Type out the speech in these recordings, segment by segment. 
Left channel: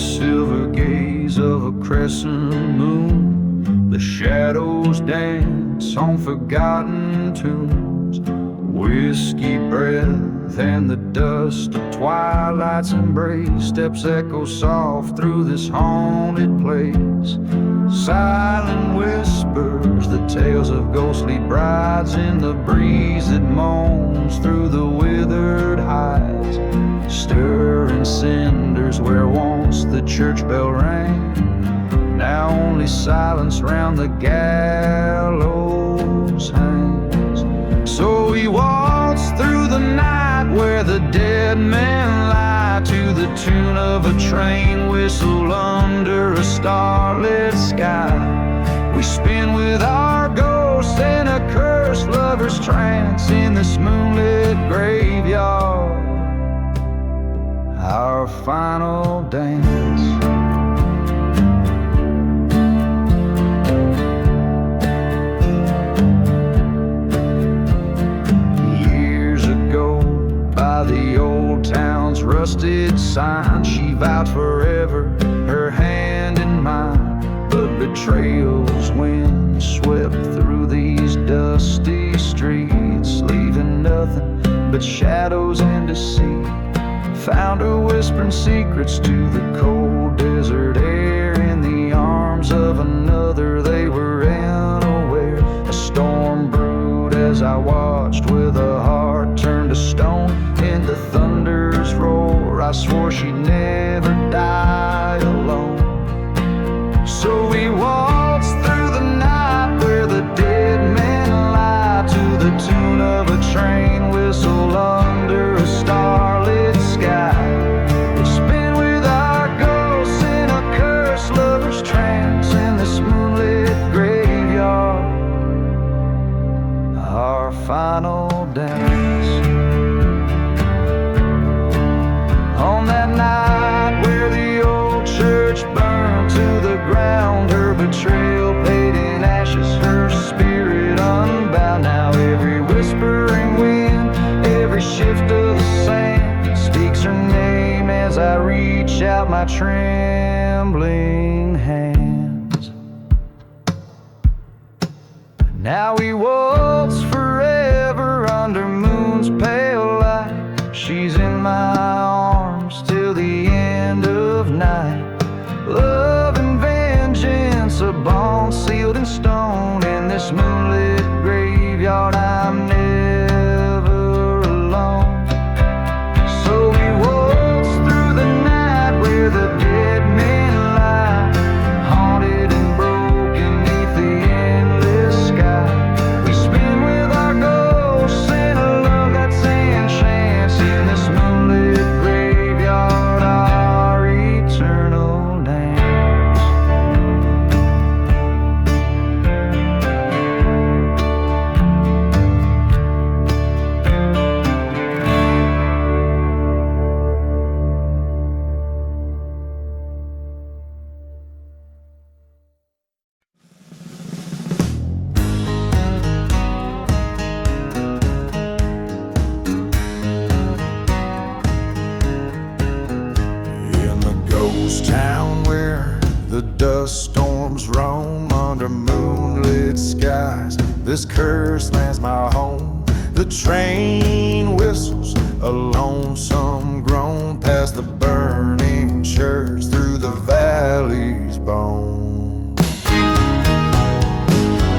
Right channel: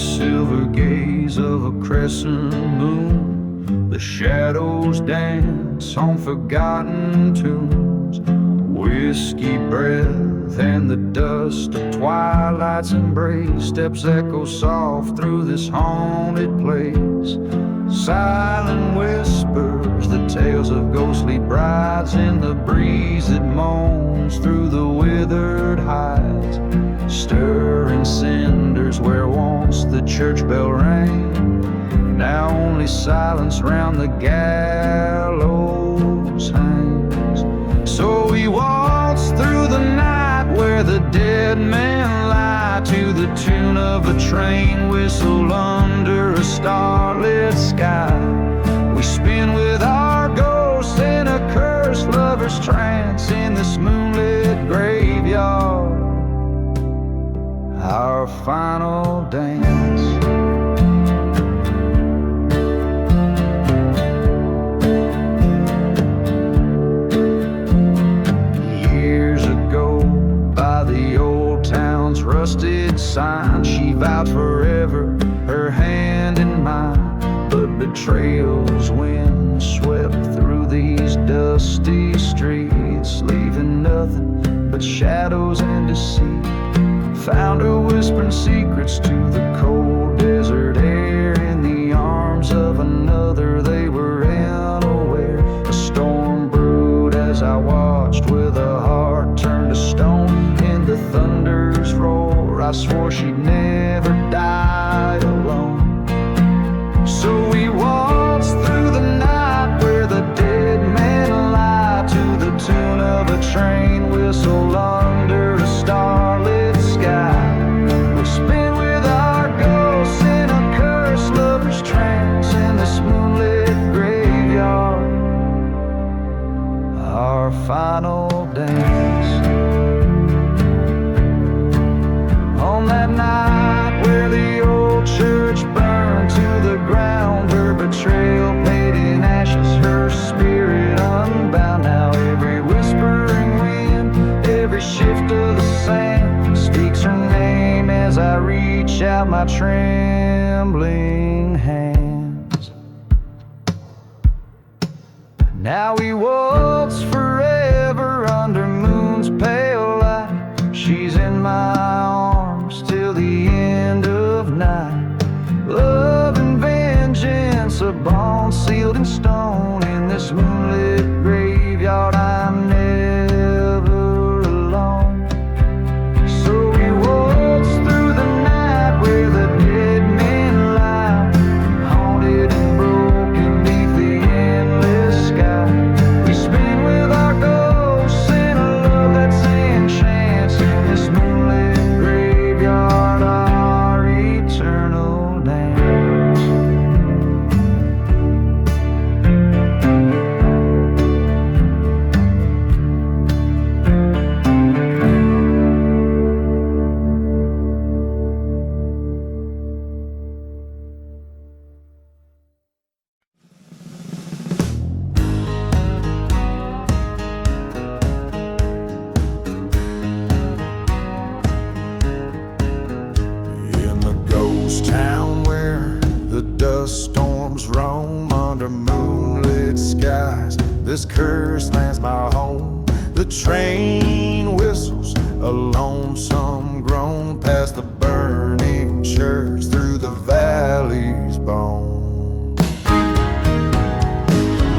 silver gaze of a crescent moon, the shadows dance on forgotten tunes. Whiskey breath and the dust of twilight's embrace. Steps echo soft through this haunted place. Silent whispers, the tales of ghostly brides in the breeze that moans through the withered hides. Stirring cinders where once the church bell rang, now only silence round the gallows hangs. So we waltz through the night where the dead men lie, to the tune of a train whistle under a starlit sky. We spin with our ghosts in a cursed lover's trance in this moonlit graveyard, our final dance. Years ago, by the old town's rusted sign, she vowed forever, her hand in mine. But betrayal's wind swept through these dusty streets, leaving nothing but shadows and deceit. Found her whispering secrets to the cold desert air. In the arms of another they were unaware. A storm brewed as I watched, with a heart turned to stone. In the thunder's roar I swore she'd never die alone. So we waltzed through the night where the dead men lie, to the tune of a train whistle under a starlit sky. We spin with our ghosts in a cursed lover's trance in this moonlit graveyard, our final dance. On that night where the old church burned to the ground, her betrayal paid in ashes, her spirit unbound. Now every whispering wind, every shift of the sand speaks her name as I reach out my trembling hands. Now we waltz forever under moon's pale light. She's in my arms till the end of night. Love and vengeance, a bond sealed in stone. In this moonlit graveyard I'm never alone. So we waltz through the night where the dead men lie, haunted and broken neath the endless sky. We spin with our ghosts in a love that's enchants in this moonlit graveyard, our eternal dance. Town where the dust storms roam under moonlit skies, this cursed land's my home. The train whistles a lonesome groan past the burning church through the valley's bone.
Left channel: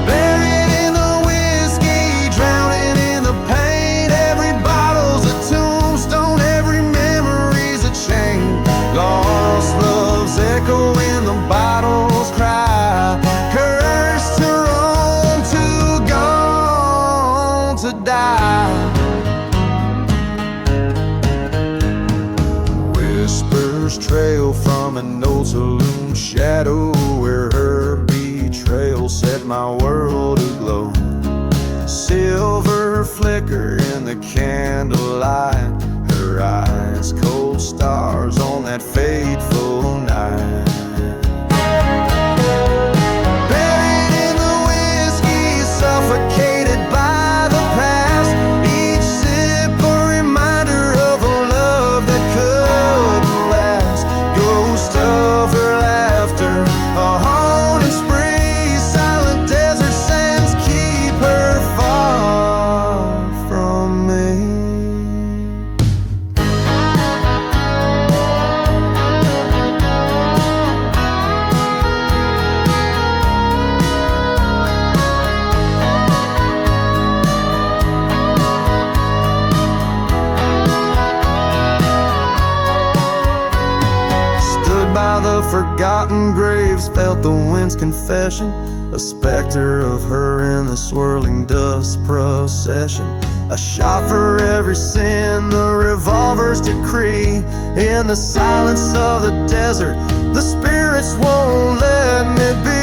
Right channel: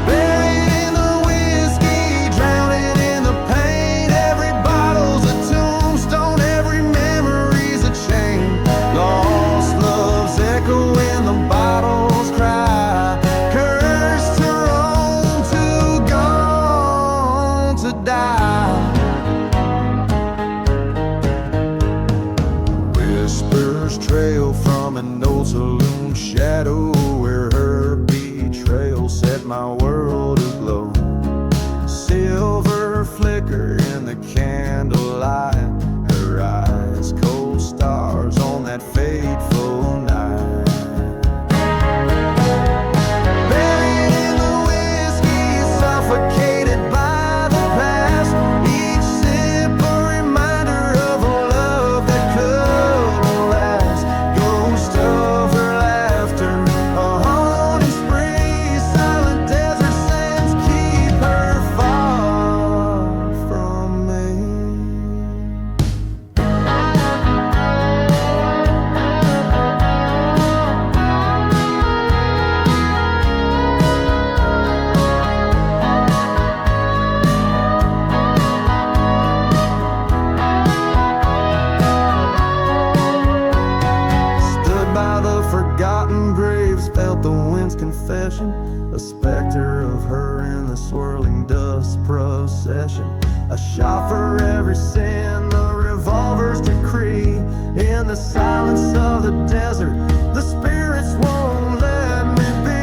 Buried in the whiskey, drowning in the pain. Every bottle's a tombstone, every memory's a chain. Lost love's echo in the bottles cry, cursed to roam, too gone to die. Whispers trail from an old saloon shadow where her betrayal set my world aglow. Silver flicker in the candlelight, her eyes cold stars on that fateful night. Buried in the whiskey, suffocated by the past, each sip a reminder of a love that couldn't last. Ghost of forgotten graves felt the wind's confession, a specter of her in the swirling dust procession. A shot for every sin, the revolver's decree. In the silence of the desert, the spirits won't let me be.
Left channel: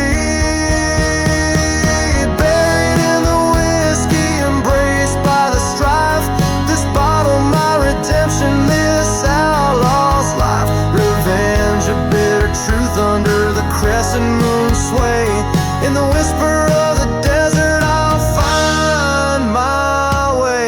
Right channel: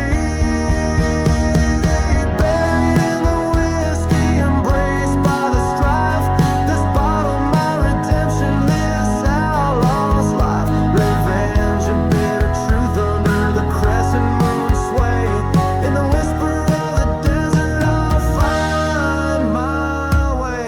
Buried in the whiskey, embraced by the strife. This bottle, my redemption, this outlaw's life. Revenge, a bitter truth under the crescent moon sway. In the whisper of the desert, I'll find my way.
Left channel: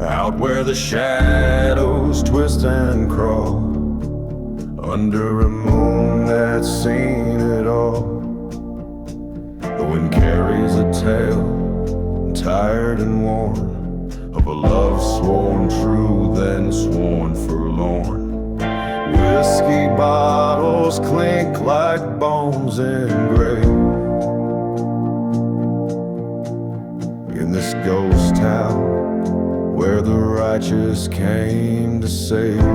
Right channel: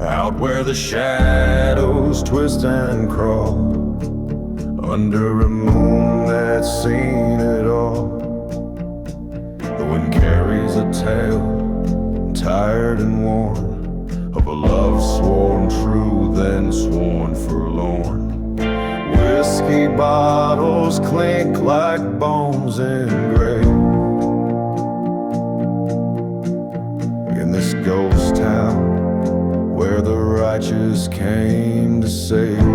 Out where the shadows twist and crawl, under a moon that's seen it all. The wind carries a tale, tired and worn, of a love sworn true, then sworn forlorn. Whiskey bottles clink like bones engraved in this ghost town where the righteous came to save.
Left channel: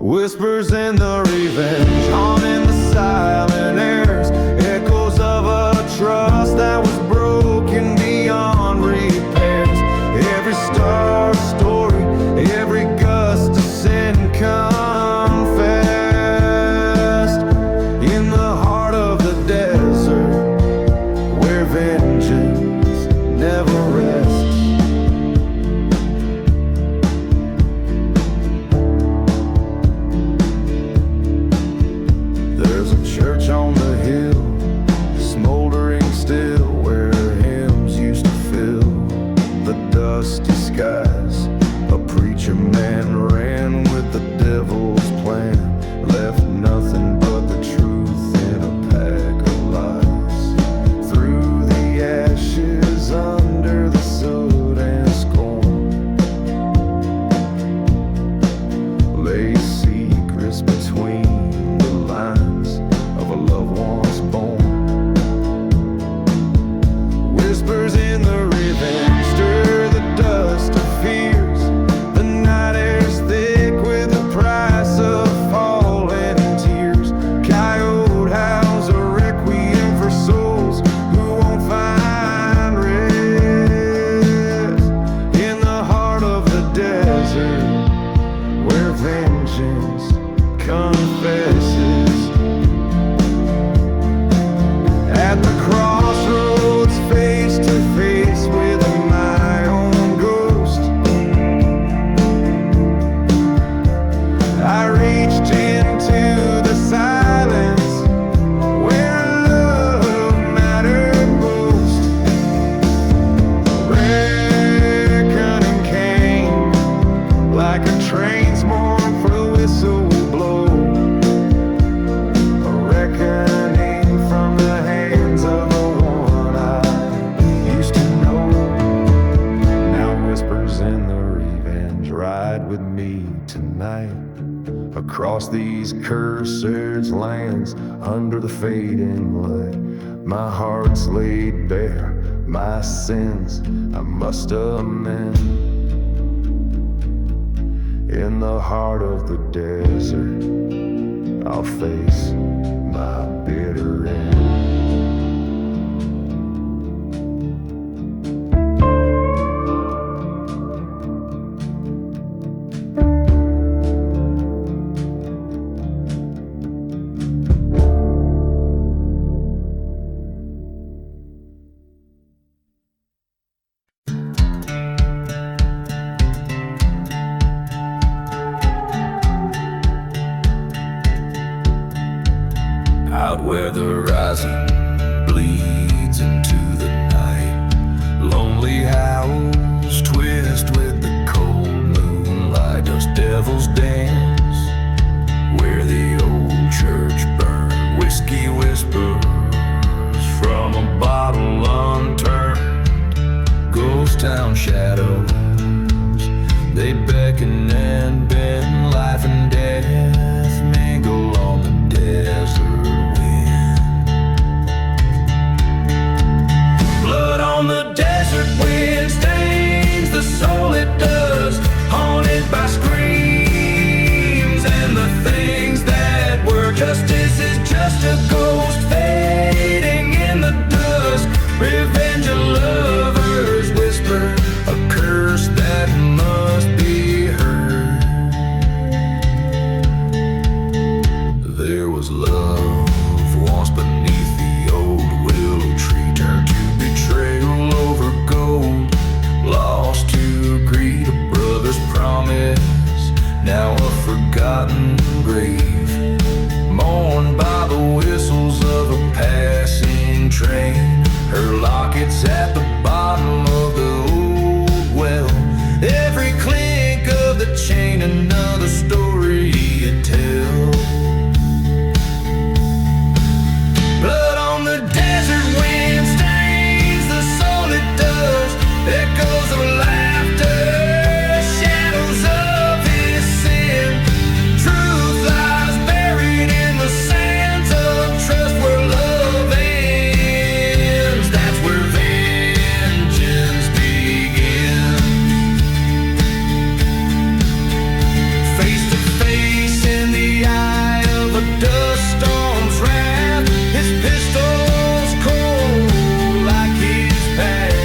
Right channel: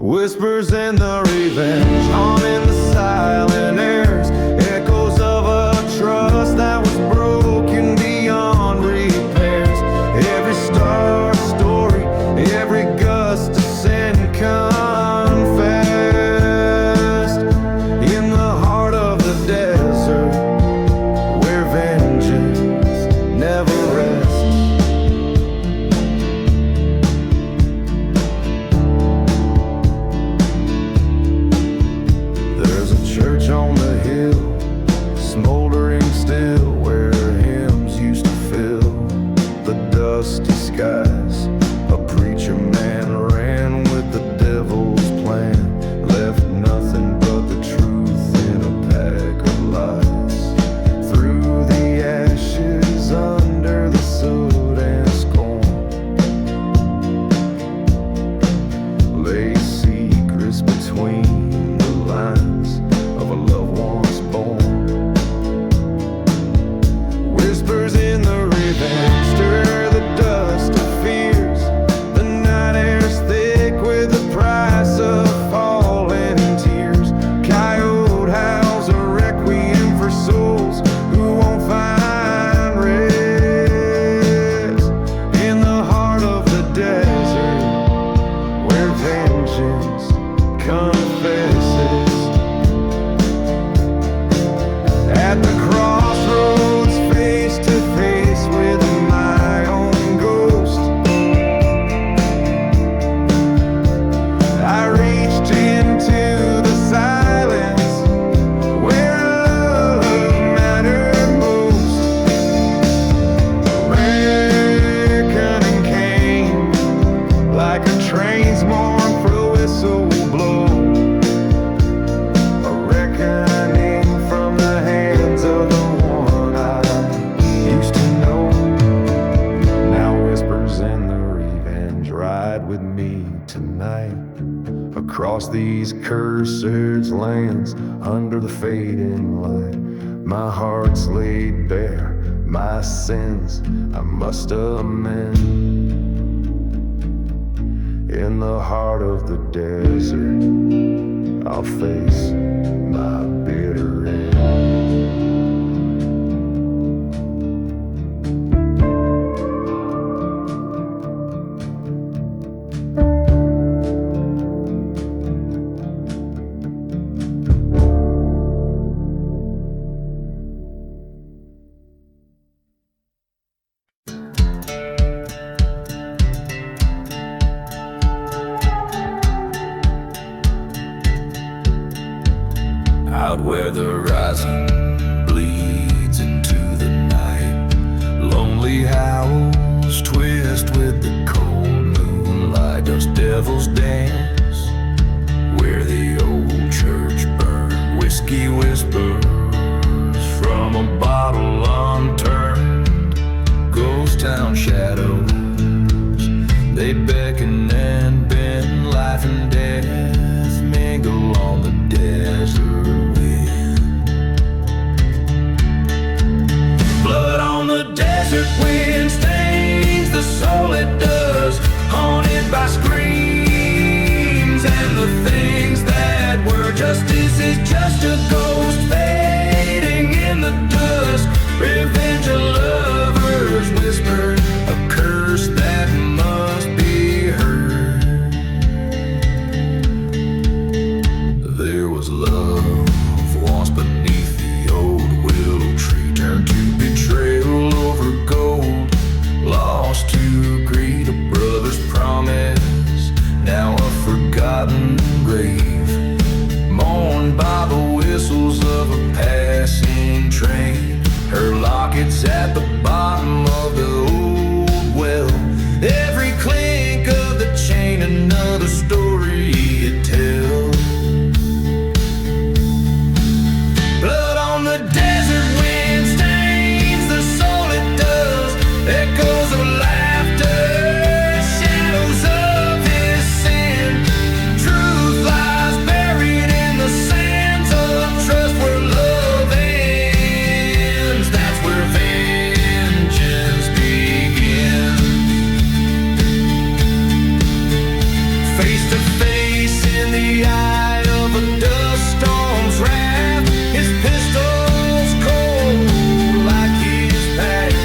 Whispers in the revenge, haunting the silent airs, echoes of a trust that was broken beyond repairs. Every star story, every gust of sin confessed. In the heart of the desert, where vengeance never rests. There's a church on the hill, smoldering still, where hymns used to fill the dusty skies. A preacher man ran with the devil's plan, left nothing but the truth in a pack of lies. Through the ashes, under the soot and scorn, lay secrets between the lines of a love once born. Whispers in the revenge stir the dust of fears. The night air's thick with the price of falling tears. Coyote howls a requiem for souls who won't find rest. In the heart of the desert, where vengeance confesses. At the crossroads, face to face with my own ghost, I reached into the silence where love mattered most. Reckoning came like a train's mournful whistle blow. A reckoning from the hands of the one I used to know. Now whispers in the revenge ride with me tonight, across these cursed lands, under the fading light. My heart's laid bare, my sins I must amend. In the heart of the desert, I'll face my bitter end. Out where the horizon bleeds into the night, lonely howls twist with the cold moonlight. Does devils dance where the old church burned? Whiskey whispers a bottle unturned. Ghost town shadows, they beckon and bend. Life and death mingle on the desert wind. Blood on the desert wind stains the soul it does, haunted by screams and the things that were. Justice is just a ghost fading in the dusk. Revenge of lovers whisper, a curse that must be heard. There was love once beneath the old willow tree, turned to betrayal over gold, lost to greed, a brother's promise, now a forgotten grave. Mourned by the whistles of a passing train. Her locket's at the bottom of the old well. Every clink of the chain, another story it tells. Blood on the desert wind stains the soul it does. Echoes of laughter, shadows of his sin. Truth lies buried in the sands of trust, where love ends. That's where vengeance begins. Face to face in the eye of a dust storm's wrath, his pistol's cold like his past.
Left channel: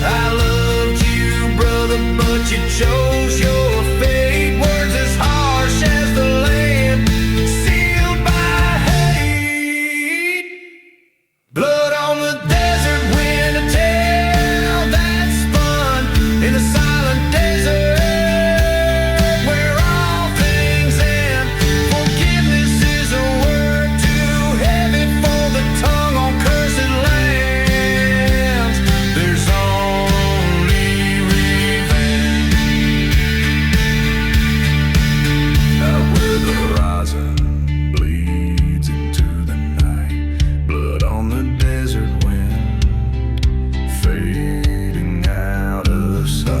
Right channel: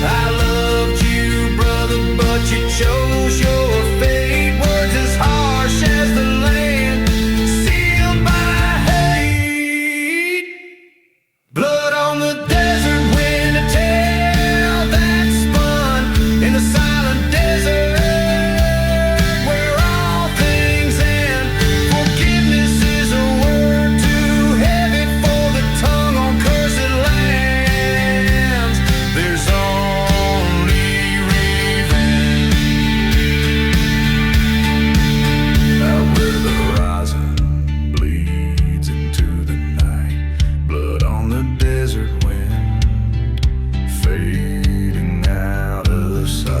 I loved you, brother, but you chose your fate. Words as harsh as the land, sealed by hate. Blood on the desert wind, a tale that spun in the silent desert, where all things end. Forgiveness is a word too heavy for the tongue on cursed lands. There's only revenge. Out where the horizon bleeds into the night, blood on the desert wind, fading out of sight.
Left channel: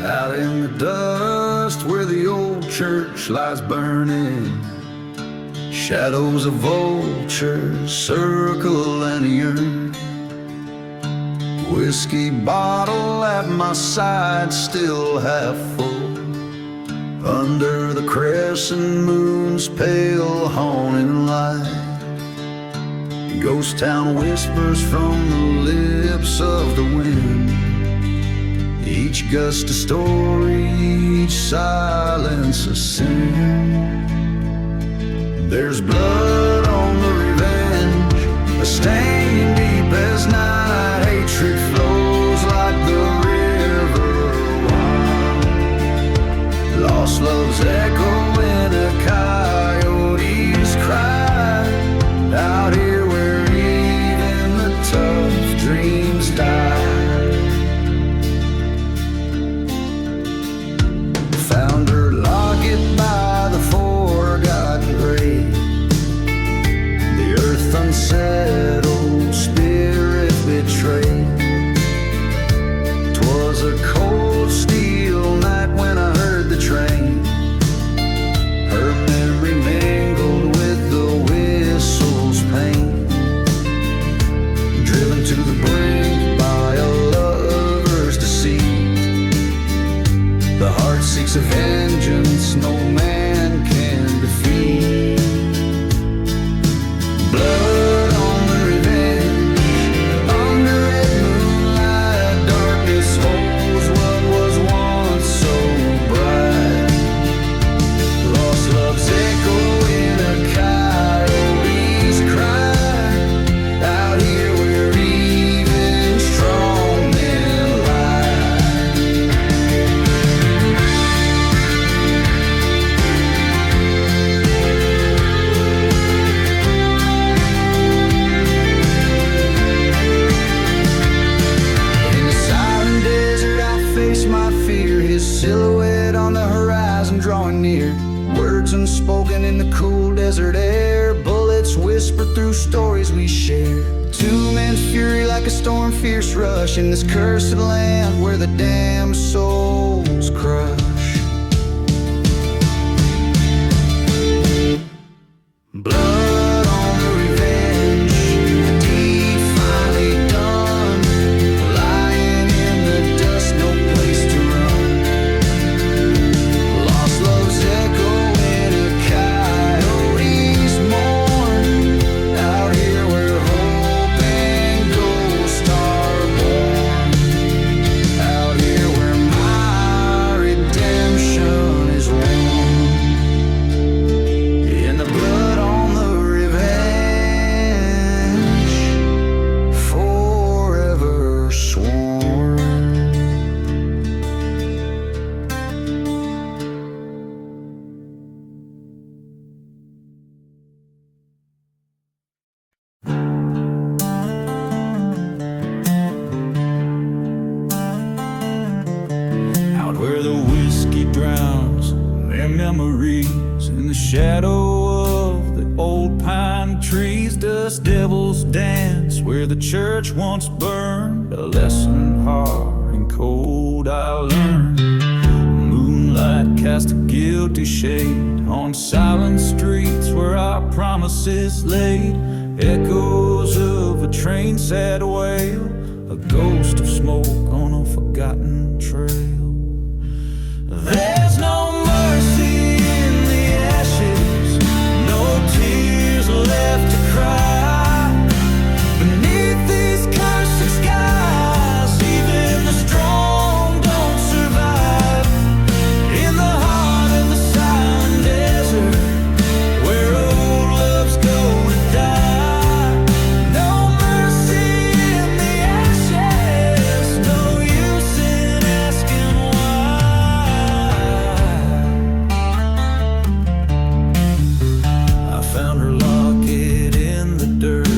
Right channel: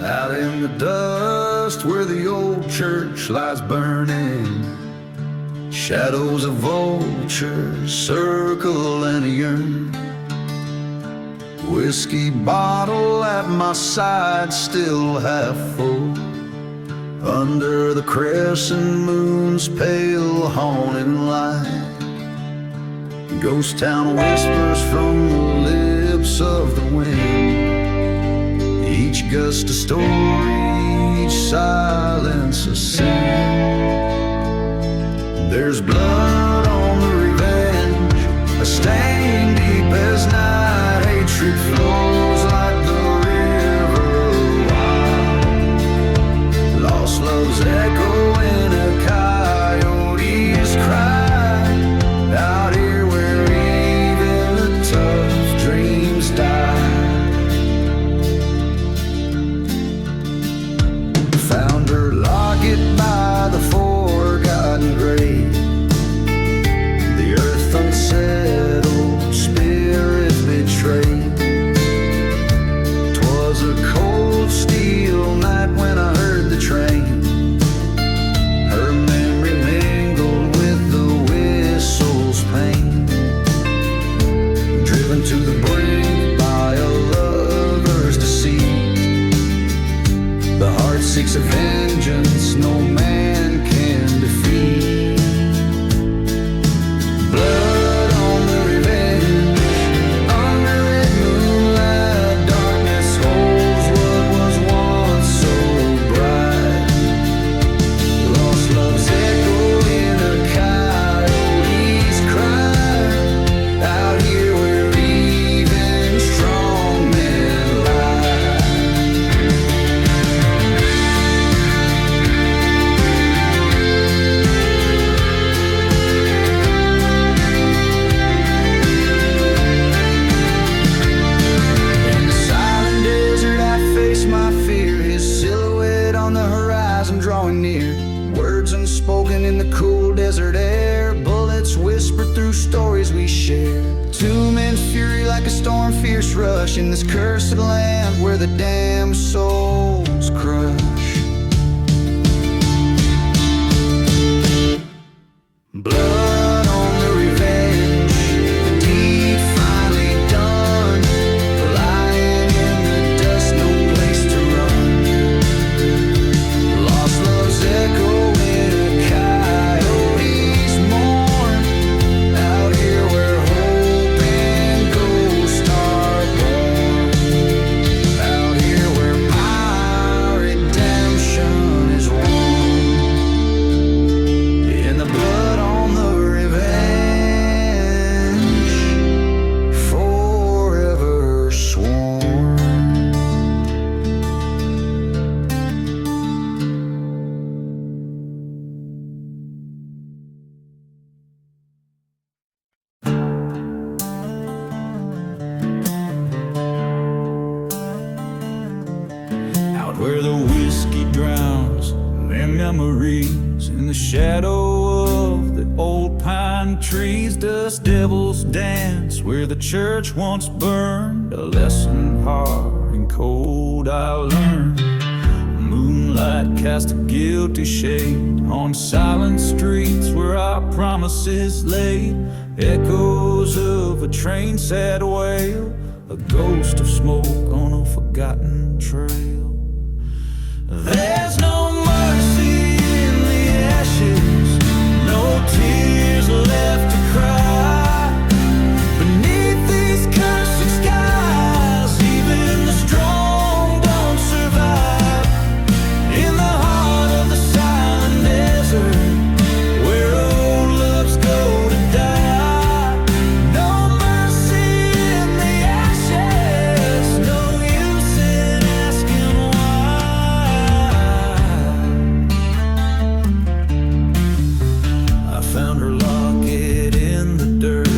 Out in the dust where the old church lies burning, shadows of vultures circle and yearn. Whiskey bottle at my side, still half full, under the crescent moon's pale haunting light. Ghost town whispers from the lips of the wind, each gust a story, each silence a sin. There's blood on the revenge, a stain deep as night. Hatred flows like the river wild. Lost love's echo in a coyote's cry. Out here where even the tough dreams die. Found her locket by the forgotten grave, the earth unsettled, spirit betrayed. 'Twas a cold steel night when I heard the train. Her memory mingled with the whistle's pain, driven to the brink by a lover's deceit. The heart seeks a vengeance no man can defeat. Blood on the revenge, under red moonlight, darkness holds what was once so bright. Lost love's echo in a coyote's cry. Out here where even strong men lie. my fear, his silhouette on the horizon drawing near. Words unspoken in the cool desert air, bullets whisper through stories we share. Two men's fury like a storm, fierce rush in this cursed land where the damned souls crush. Blood on the revenge, the deed finally done. Lying in the dust, no place to run. Lost love's echo in a coyote's mourn. Out here where hope and ghosts are born. Out here where my redemption is worn. In the blood on the revenge, forever sworn. Out where the whiskey drowns their memories, in the shadow of the old pine trees, dust devils dance where the church once burned. A lesson hard and cold I learned. Moonlight cast a guilty shade on silent streets where our promises laid. Echoes of a train sad wail, a ghost of smoke on a forgotten trail. There's no mercy in the ashes, no tears left to cry. Beneath these cursed skies, even the strong don't survive. In the heart of the silent desert, where old loves go to die. No mercy in the ashes, no use in asking why. I found her locket in the dirt,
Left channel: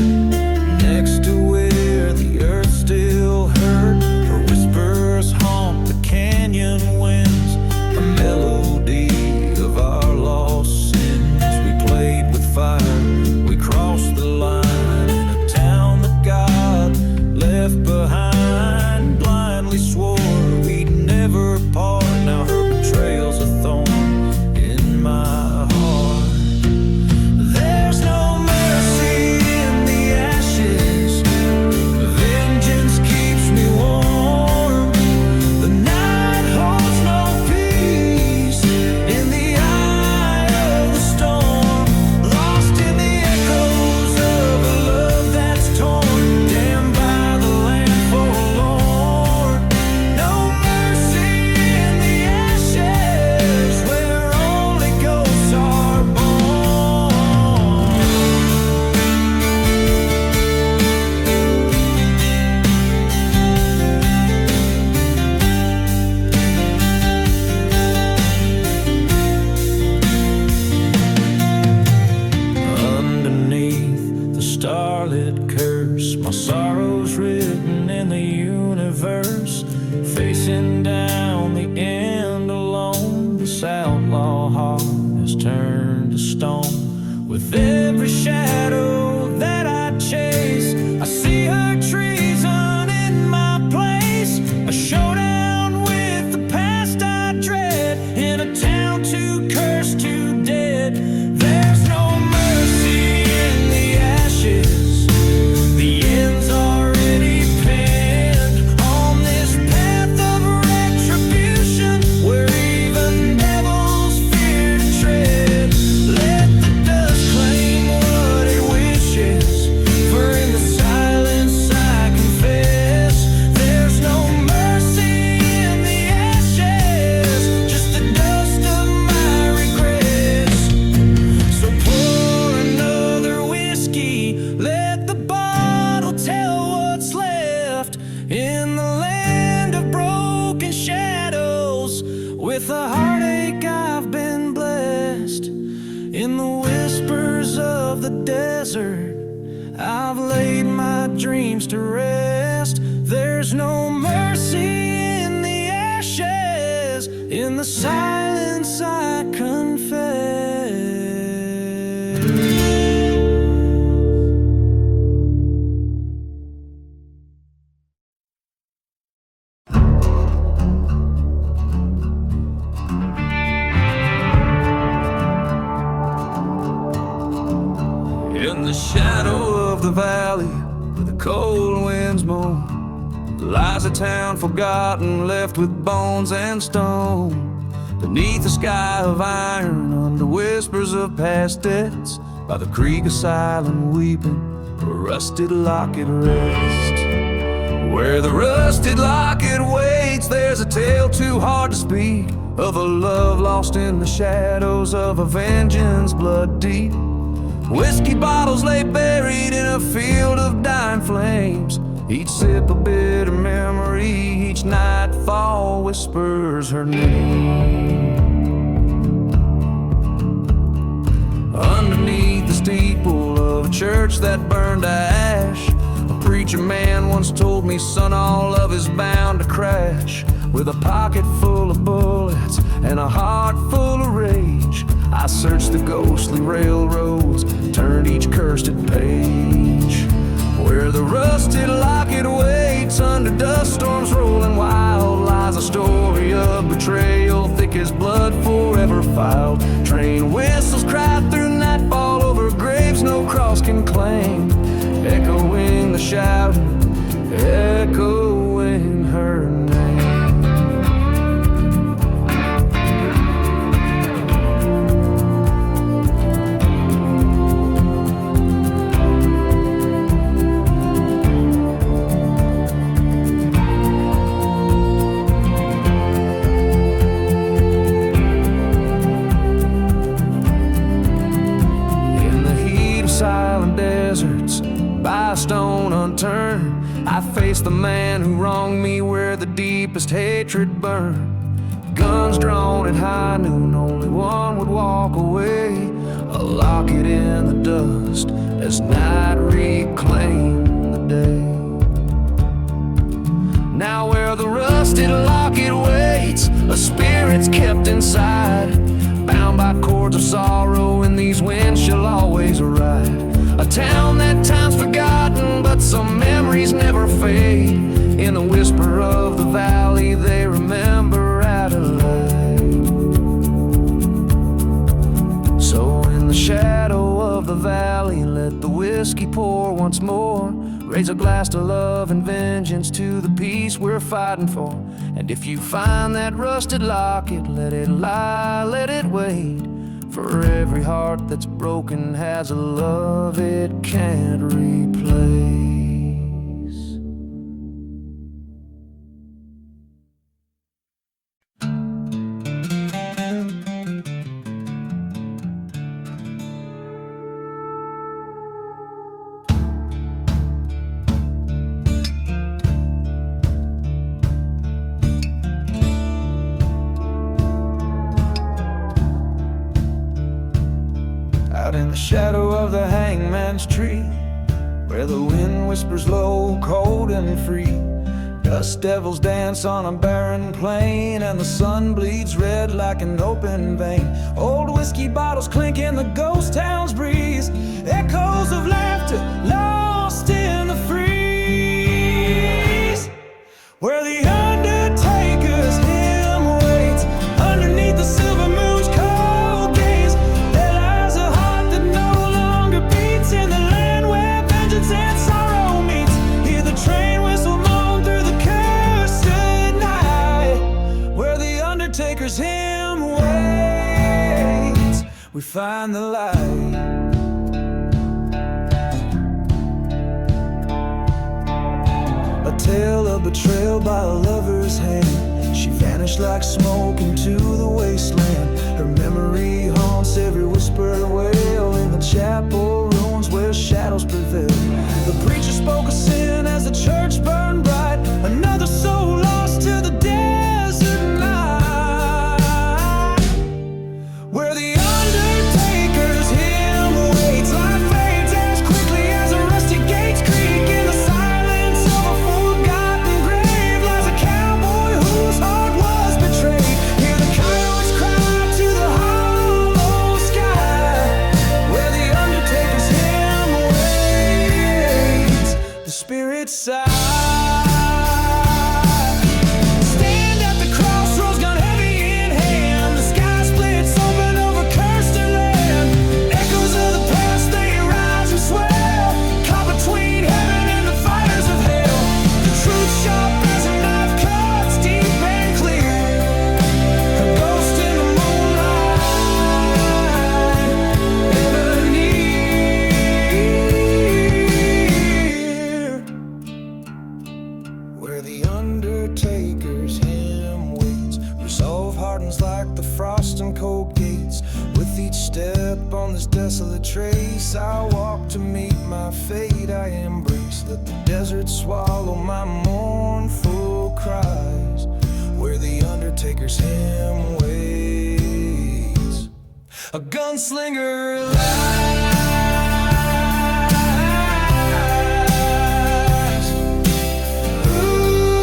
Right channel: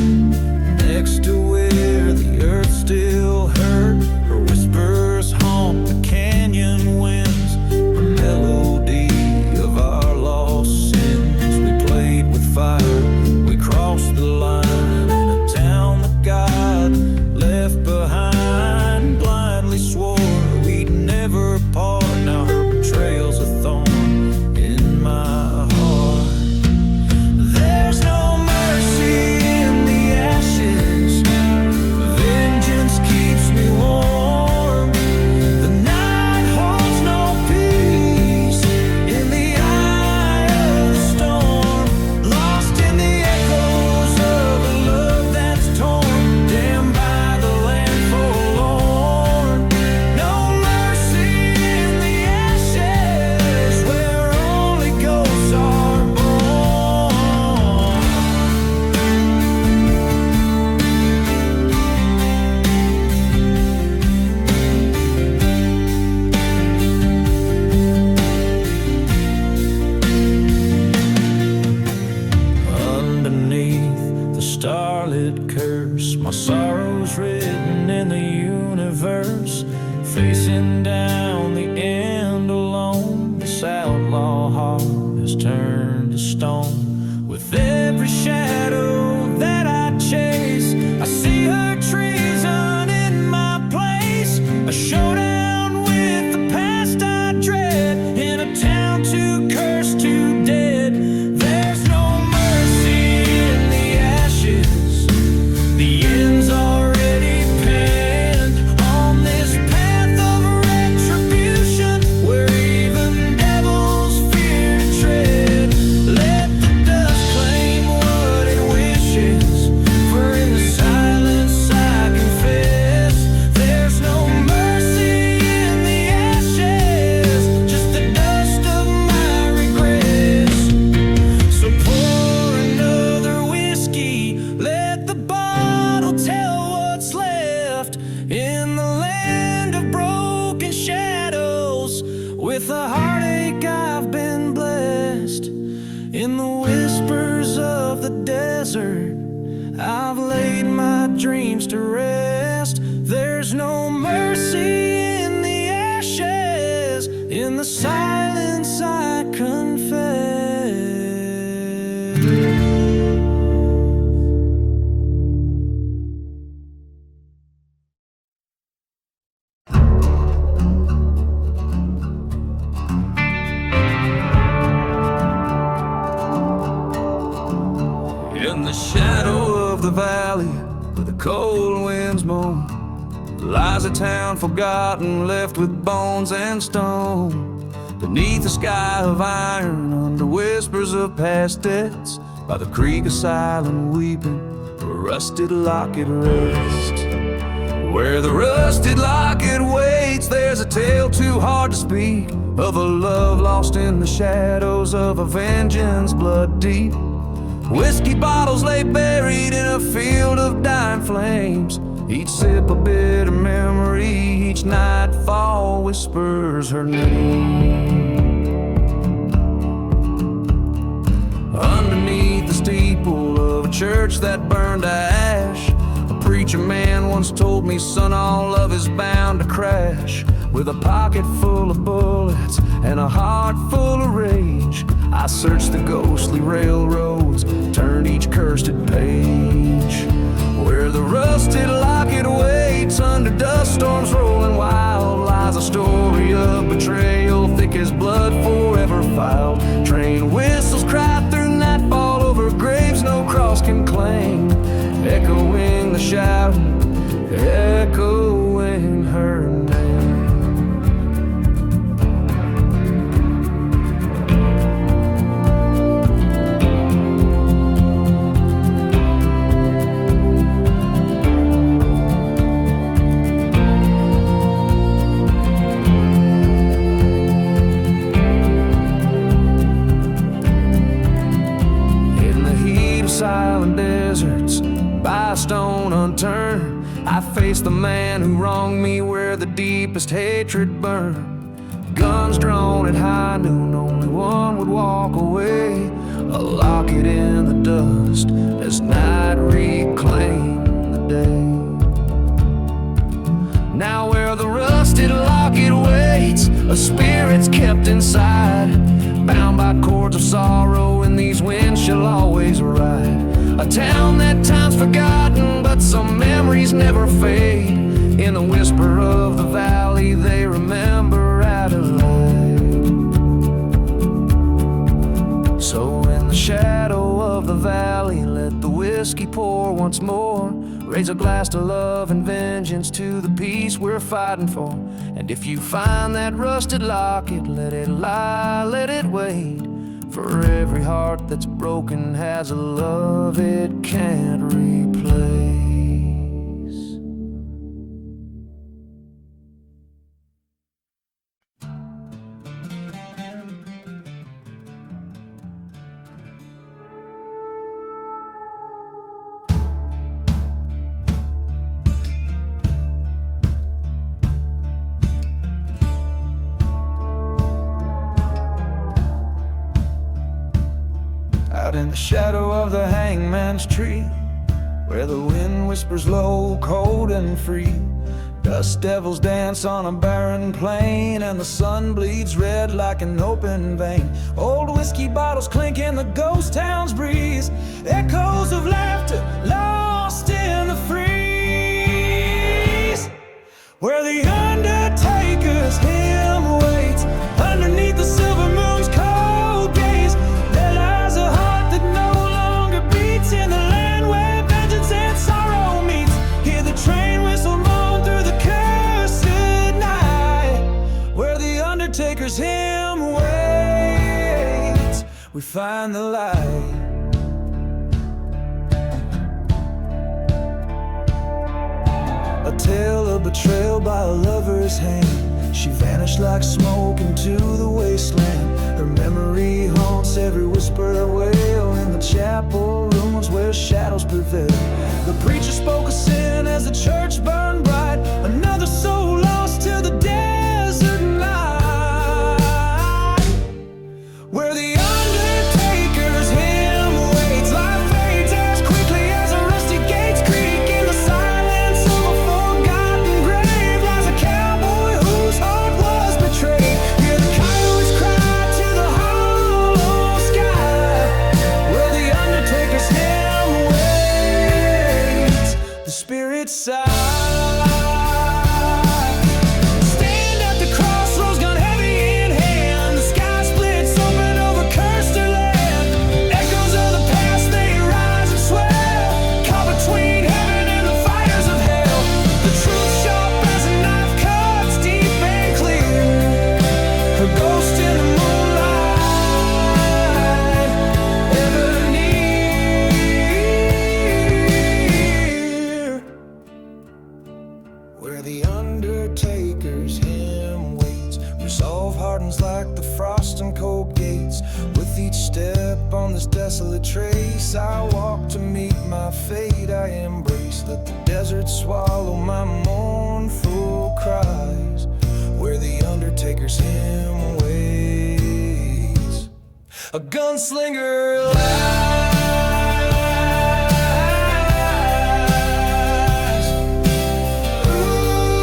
next to where the earth still hurt. Her whispers haunt the canyon winds, a melody of our lost sins. We played with fire, we crossed the line in a town that God left behind. Blindly swore we'd never part, now her betrayal's a thorn in my heart. There's no mercy in the ashes, vengeance keeps me warm. The night holds no peace in the eye of the storm. Lost in the echoes of a love that's torn, damned by the land forlorn. No mercy in the ashes, where only ghosts are born. Underneath the starlit curse, my sorrow's written in the universe. Facing down the end alone, this outlaw heart has turned to stone. With every shadow that I chase, I see her treason in my place. A showdown with the past I dread, in a town too cursed, too dead. There's no mercy in the ashes, the end's already penned. On this path of retribution, where even devils fear to tread. Let the dust claim what it wishes, for in the silence I confess. There's no mercy in the ashes, just the dust of my regrets. So pour another whiskey, let the bottle tell what's left. In the land of broken shadows, with a heartache I've been blessed. In the whispers of the desert, I've laid my dreams to rest. There's no mercy in the ashes, the silence I confess. In the shadow of the valley, where the cold winds moan, lies a town forgotten, left with bones and stone. Beneath a sky of iron, under whispers of past debts, by the creek of silent weeping, a rusted locket rests. Where the rusted locket waits, there's a tale too hard to speak, of a love lost in the shadows of a vengeance blood deep. Whiskey bottles lay buried in a field of dying flames, each sip a bitter memory, each nightfall whispers her name. Underneath the steeple of a church that burned to ash, a preacher man once told me, son, all love is bound to crash. With a pocket full of bullets and a heart full of rage, I searched the ghostly railroads, turned each cursed page. Where the rusted locket waits, under dust storms rolling wild, lies a story of betrayal, thick as blood forever filed. Train whistles cry through nightfall over graves no cross can claim, echoing the shouting, echoing her name. Silent deserts, by a stone unturned, I faced the man who wronged me where the deepest hatred burned. Guns drawn at high noon, only one would walk away, a locket in the dust as night reclaimed the day. Now where the rusted locket waits, a spirit's kept inside, bound by cords of sorrow, in these winds she'll always ride. A town that time's forgotten, but some memories never fade. In the whisper of the valley, they remember Adelaide. So in the shadow of the valley, let the whiskey pour once more. Raise a glass to love and vengeance, to the peace we're fighting for. And if you find that rusted locket, let it lie, let it wait. For every heart that's broken has a love it can't replace. Out in the shadow of the hangman's tree, where the wind whispers low, cold and free, dust devils dance on a barren plain, and the sun bleeds red like an open vein. Old whiskey bottles clink in the ghost town's breeze, echoes of laughter lost in the freeze. Where the undertaker's hymn waits, underneath the silver moon's cold gaze, there lies a heart that no longer beats, in the land where vengeance and sorrow meets. Hear the train whistle moan through the cursed night. Where the undertaker's hymn waits, we find the light. A tale of betrayal by a lover's hand. She vanished like smoke into the wasteland. Her memory haunts every whispered wail in the chapel ruins where shadows prevail. The preacher spoke of sin as the church burned bright, another soul lost to the desert night. Where the undertaker's hymn waits, life fades as quickly as a rusty gates creak. In the silence of a forgotten grave lies a cowboy whose heart was betrayed. Hear the where the undertaker's hymn waits. Resolve hardens like the frost and cold gates. With each step on this desolate trace, I walk to meet my fate I embrace. Let the desert swallow my mournful cries, where the undertaker's hymn waits. A gunslinger lies. Ooh.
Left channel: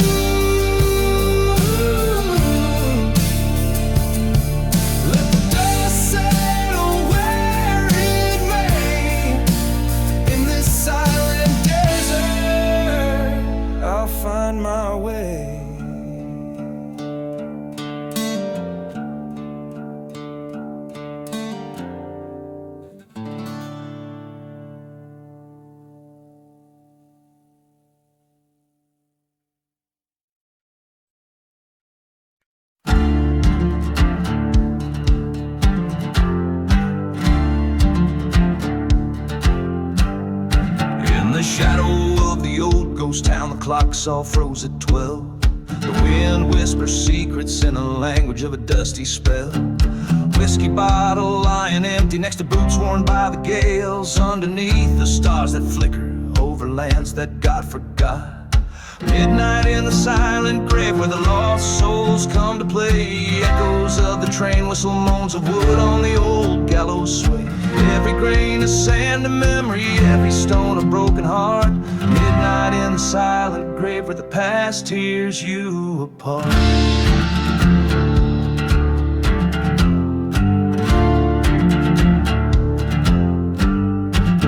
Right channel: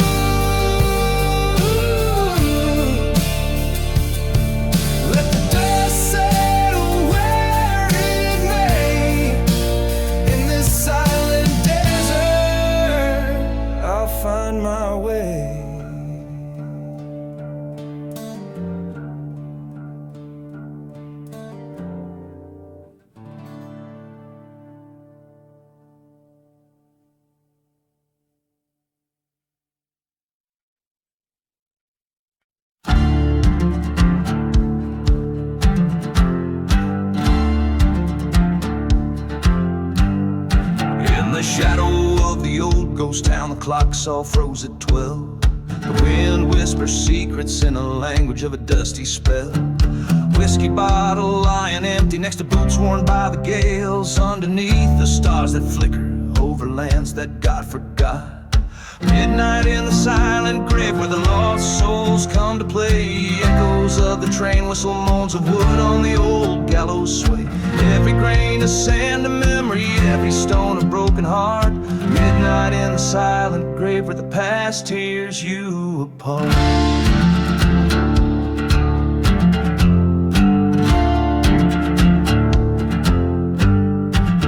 Let the dust settle where it may. In this silent desert, I'll find my way. In the shadow of the old ghost town, the clocks all froze at 12. The wind whispers secrets in the language of a dusty spell. Whiskey bottle lying empty next to boots worn by the gales. Underneath the stars that flicker over lands that God forgot. Midnight in the silent grave where the lost souls come to play. Echoes of the train whistle, moans of wood on the old gallows sway. Every grain of sand a memory, every stone a broken heart. Midnight in the silent grave where the past tears you apart.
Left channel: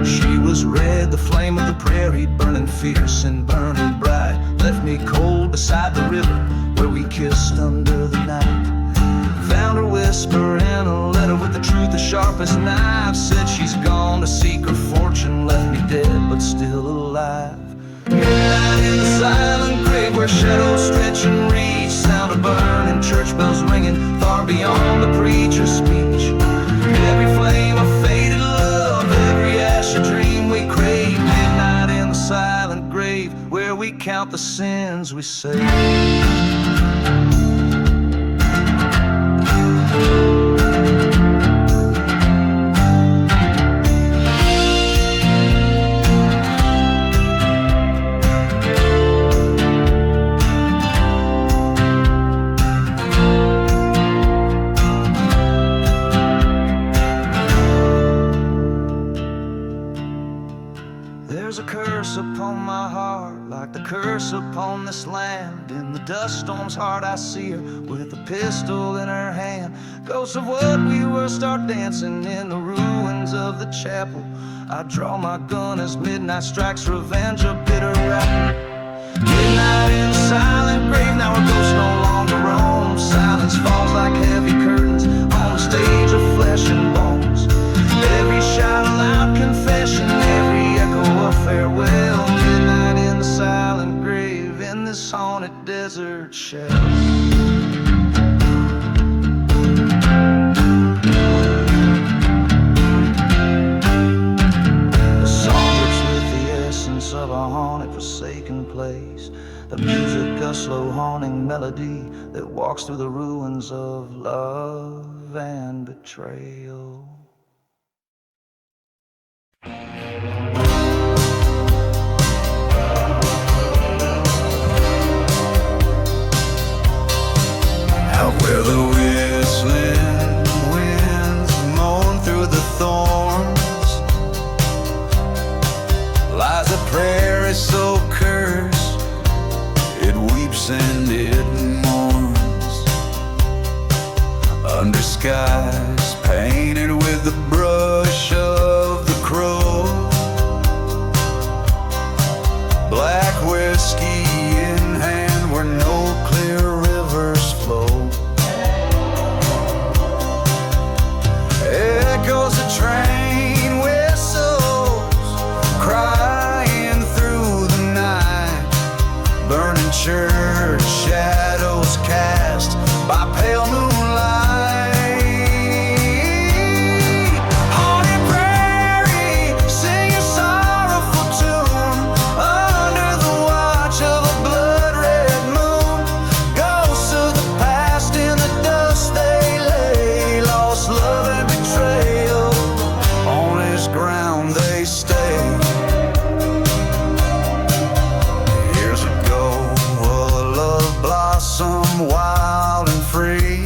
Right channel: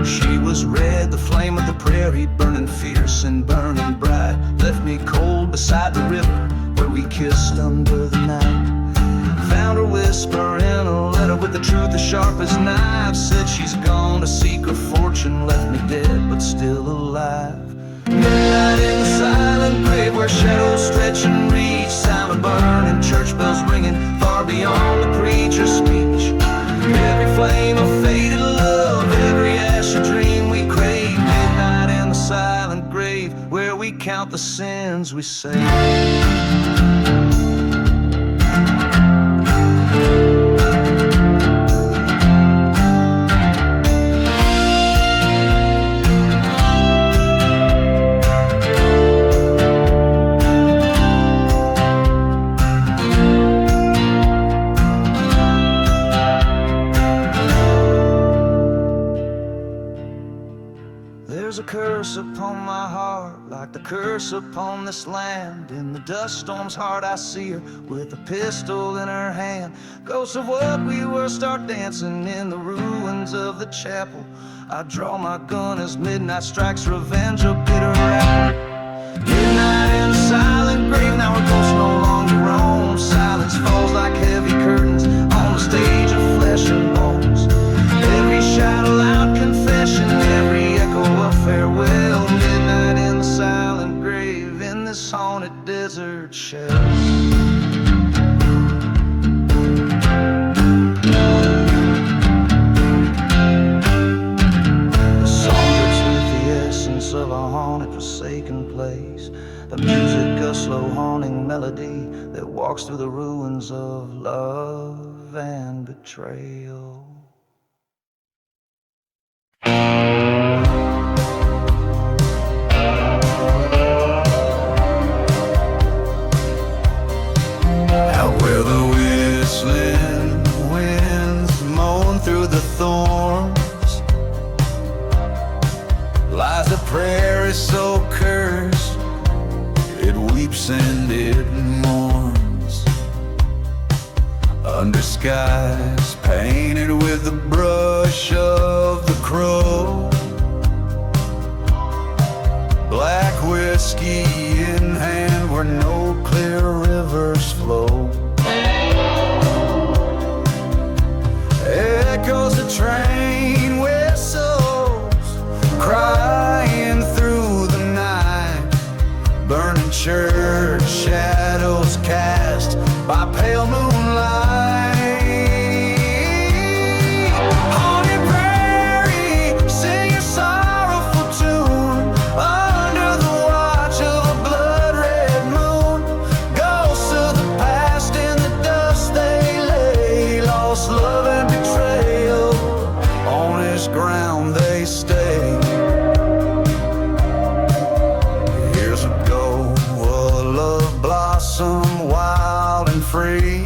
She was red, the flame of the prairie, burning fierce and burning bright. Left me cold beside the river where we kissed under the night. Found her whisper in a letter with the truth as sharp as knives. Said she's gone to seek her fortune, left me dead but still alive. Midnight in the silent grave where shadows stretch and reach. Sound of burning church bells ringing far beyond the preacher's speech. Every flame of faded love, every ash a dream we crave. Midnight in the silent grave where we count the sins we save. There's a curse upon my heart, like the curse upon this land. In the dust storm's heart I see her, with a pistol in her hand. Ghosts of what we were start dancing in the ruins of the chapel. I draw my gun as midnight strikes, revenge a bitter apple. Midnight in the silent grave, now our ghosts no longer roam. Silence falls like heavy curtains on the stage of flesh and bones. Every shout a loud confession, every echo a farewell. Midnight in the silent grave, in this haunted desert shell. The song drips with the essence of a haunted, forsaken place. The music a slow haunting melody that walks through the ruins of love and betrayal. Out where the whistling winds moan through the thorns lies a prairie so cursed, it weeps and it mourns. Under skies painted with the brush of the crow, black whiskey in hand where no clear rivers flow. Echoes of train whistles crying through the night. Burning church shadows cast by pale moonlight. Haunted prairie, sing a sorrowful tune under the watch of a blood free,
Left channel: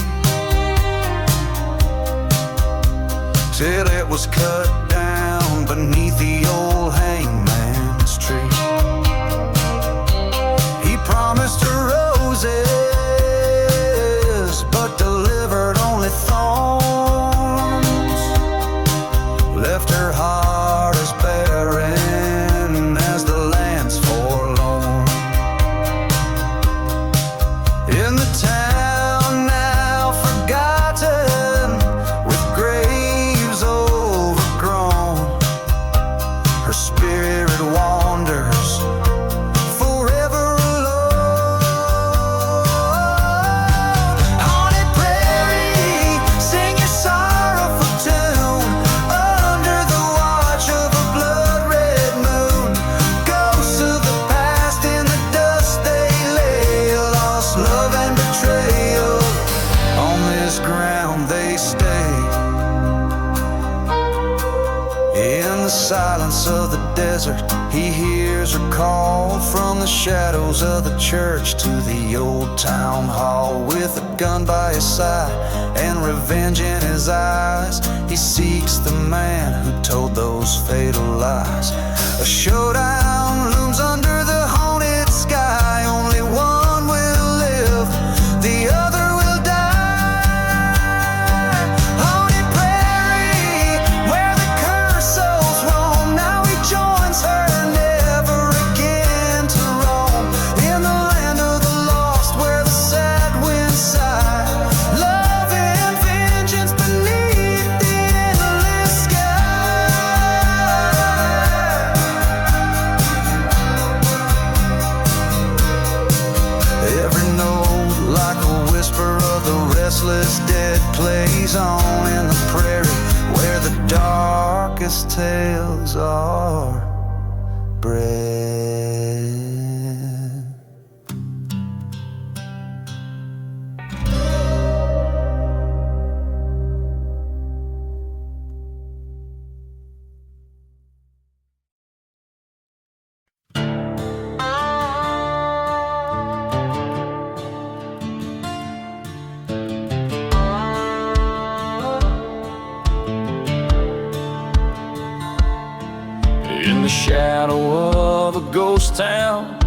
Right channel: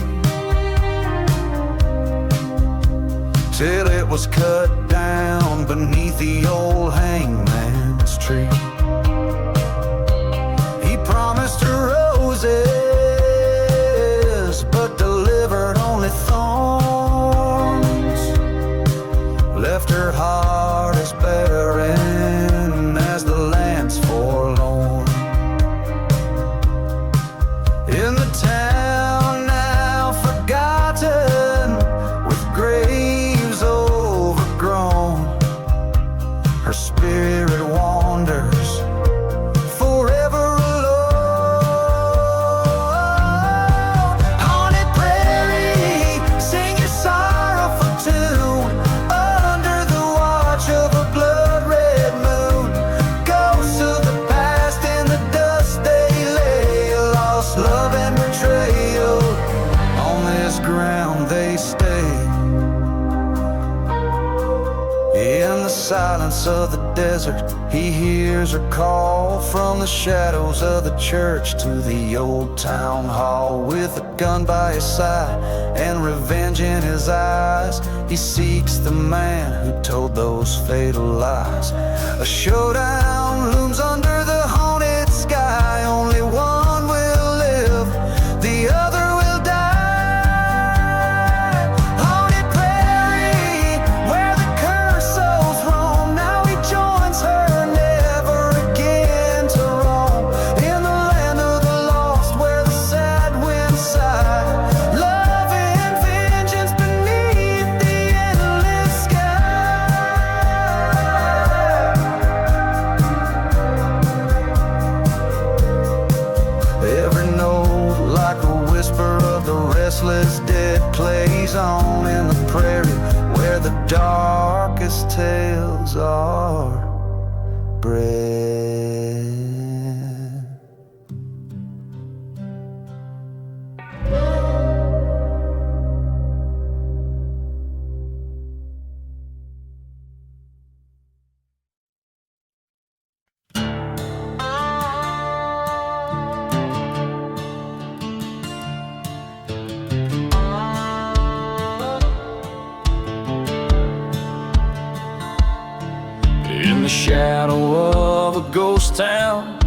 till it was cut down beneath the old hangman's tree. He promised her roses, but delivered only thorns, left her heart as barren as the land's forlorn. In the town now forgotten, with graves overgrown, her spirit wanders forever alone. Haunted prairie, sing your sorrowful tune under the watch of a blood-red moon. Ghosts of the past in the dust they lay, lost love and betrayal, on this ground they stay. In the silence of the desert, he hears her call from the shadows of the church to the old town hall. With a gun by his side and revenge in his eyes, he seeks the man who told those fatal lies. A showdown looms under the haunted sky. Only one will live, the other will die. Haunted prairie, where the cursed souls roam, now he joins her, never again to roam. In the land of the lost, where the sad winds sigh, love and vengeance beneath the endless sky. Every note like a whisper of the restless dead plays on in the prairie, where the darkest tales are bred. In the shadow of a ghost town,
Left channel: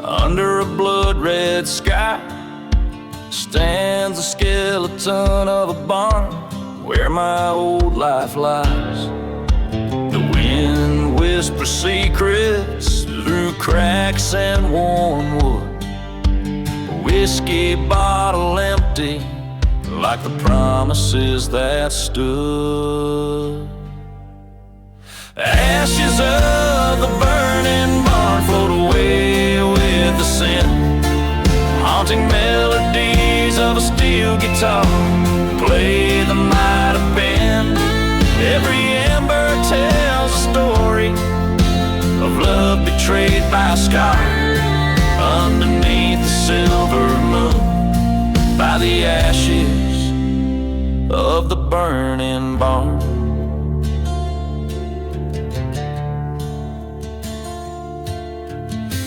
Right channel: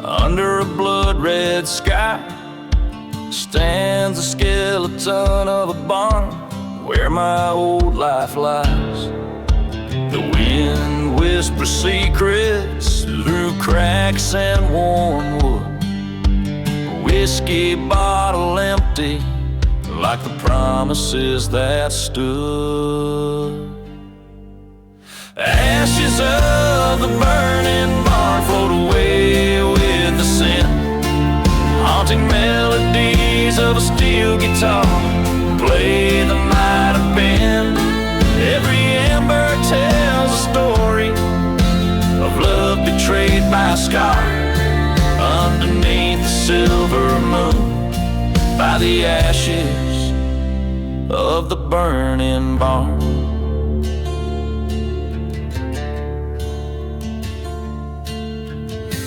under a blood-red sky, stands the skeleton of a barn where my old life lies. The wind whispers secrets through cracks and worn wood, a whiskey bottle empty like the promises that stood. Ashes of the burning barn float away with the scent, haunting melodies of a steel guitar play the might have been. Every ember tells a story of love betrayed by a scar, underneath the silver moon, by the ashes of the burning barn.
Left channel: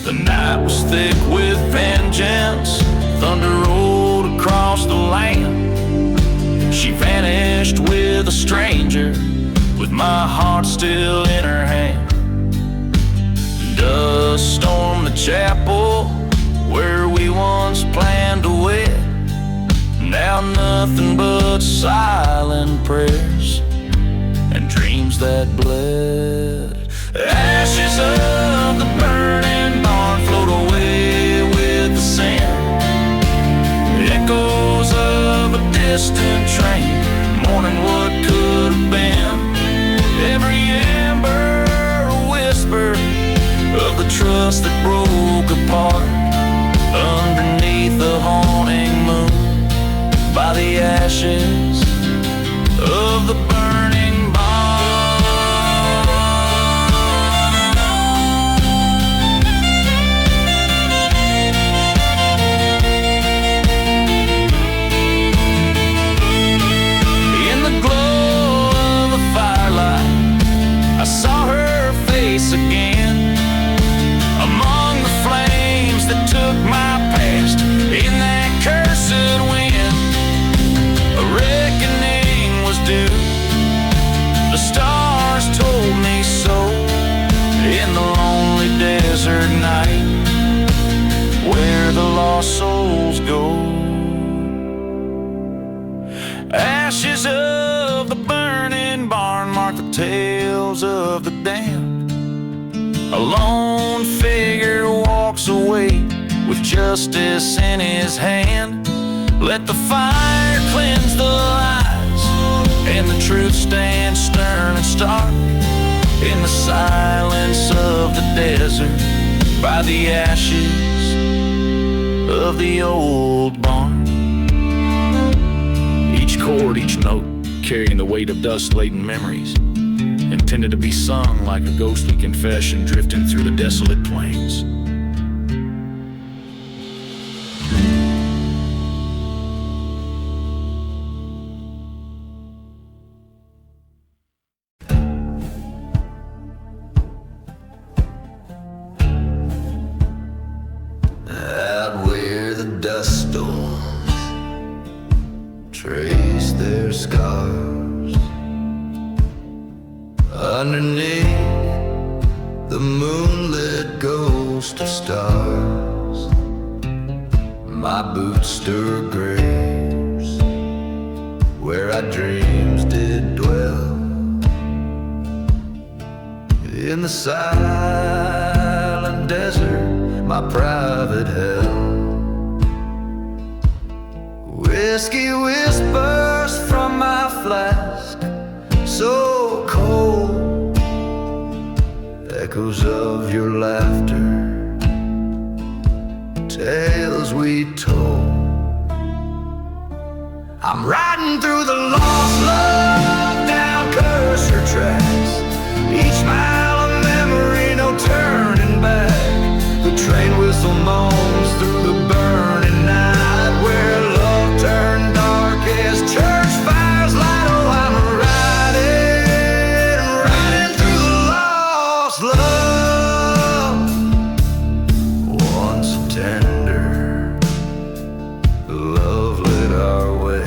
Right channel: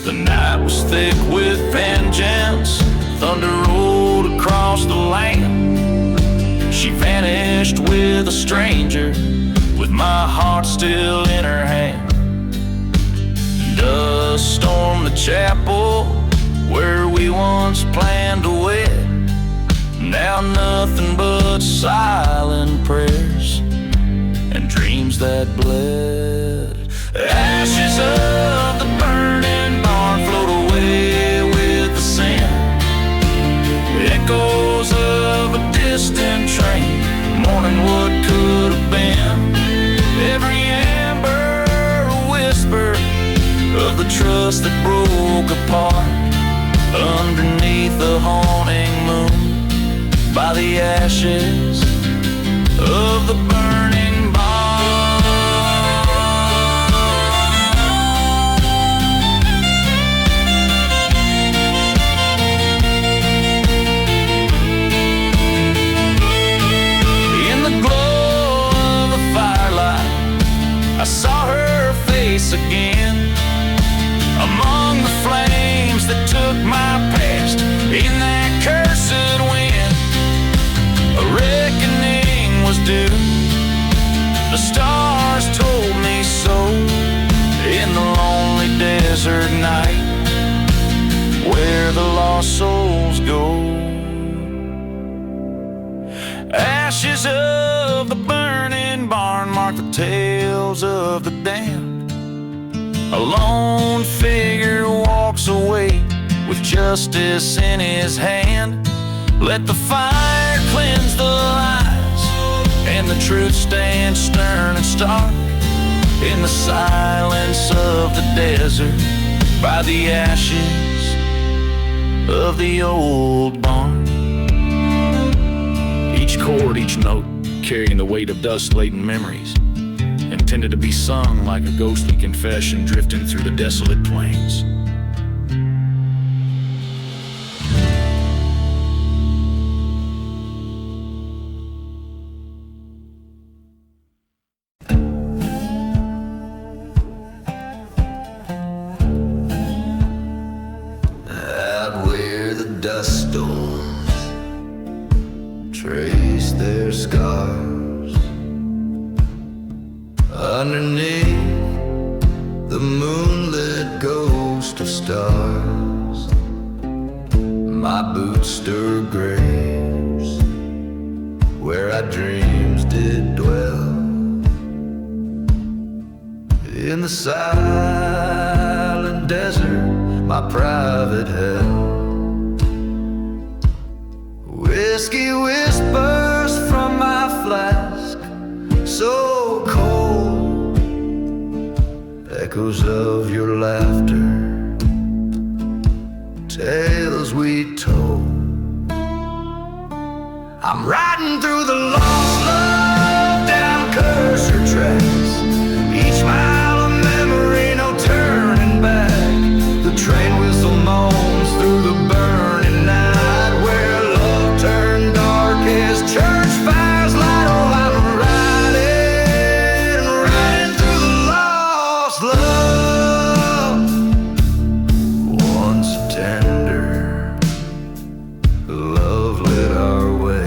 The night was thick with vengeance, thunder rolled across the land. She vanished with a stranger, with my heart still in her hand. Dust stormed the chapel where we once planned to wed. Now nothing but silent prayers and dreams that bled. Ashes of the burning barn float away with the sand, echoes of a distant train, mourning what could have been. Every ember a whisper of the trust that broke apart, underneath the haunting moon, by the ashes of the burning barn. In the glow of the firelight, I saw her face again, among the flames that took my past in that cursed wind. do. The stars told me so in the lonely desert night, where the lost souls go. Ashes of the burning barn mark the tales of the damned. A lone figure walks away with justice in his hand. Let the fire cleanse the lies, and the truth stands stern and stark in the silence of the desert, by the ashes of the old barn. Each chord, each note, carrying the weight of dust-laden memories, intended to be sung like a ghostly confession drifting through the desolate plains. Out where the dust storms trace their scars, underneath the moonlit ghost of stars, my boots stir graves where our dreams did dwell. In the silent desert, my private hell. Whiskey whispers from my flask, so cold. Echoes of your laughter, tales we told. I'm riding through the lost love down cursor tracks, each mile of memory, no turning back. The train whistle moans through the burning night, where love turned dark as church fires light. Oh, I'm riding through the lost love. Once tender, love lit our way,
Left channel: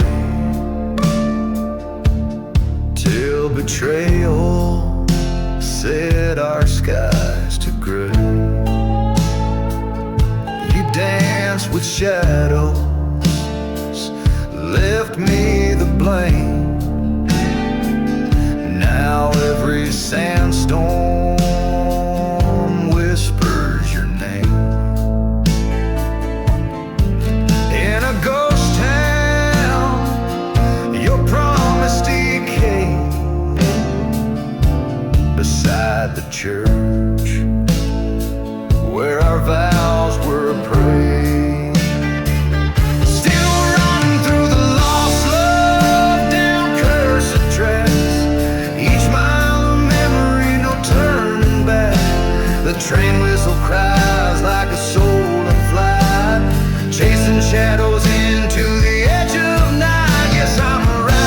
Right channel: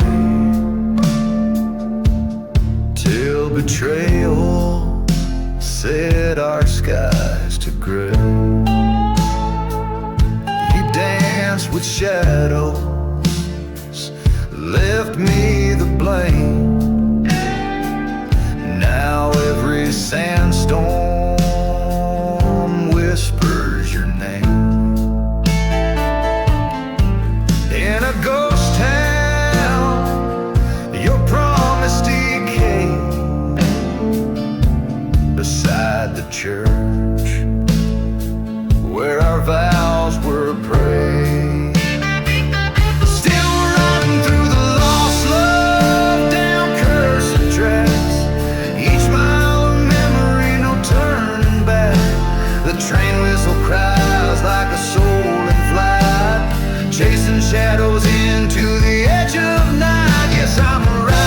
till betrayal set our skies to gray. Dance with shadows, left me the blame. Now every sandstorm whispers your name. In a ghost town, your promise decayed beside the church where our vows were prayed. Still riding through the lost love down cursed tracks, each mile of memory, no turning back. The train whistle cries like a soul in flight, chasing shadows into the edge of night. Yes, I'm riding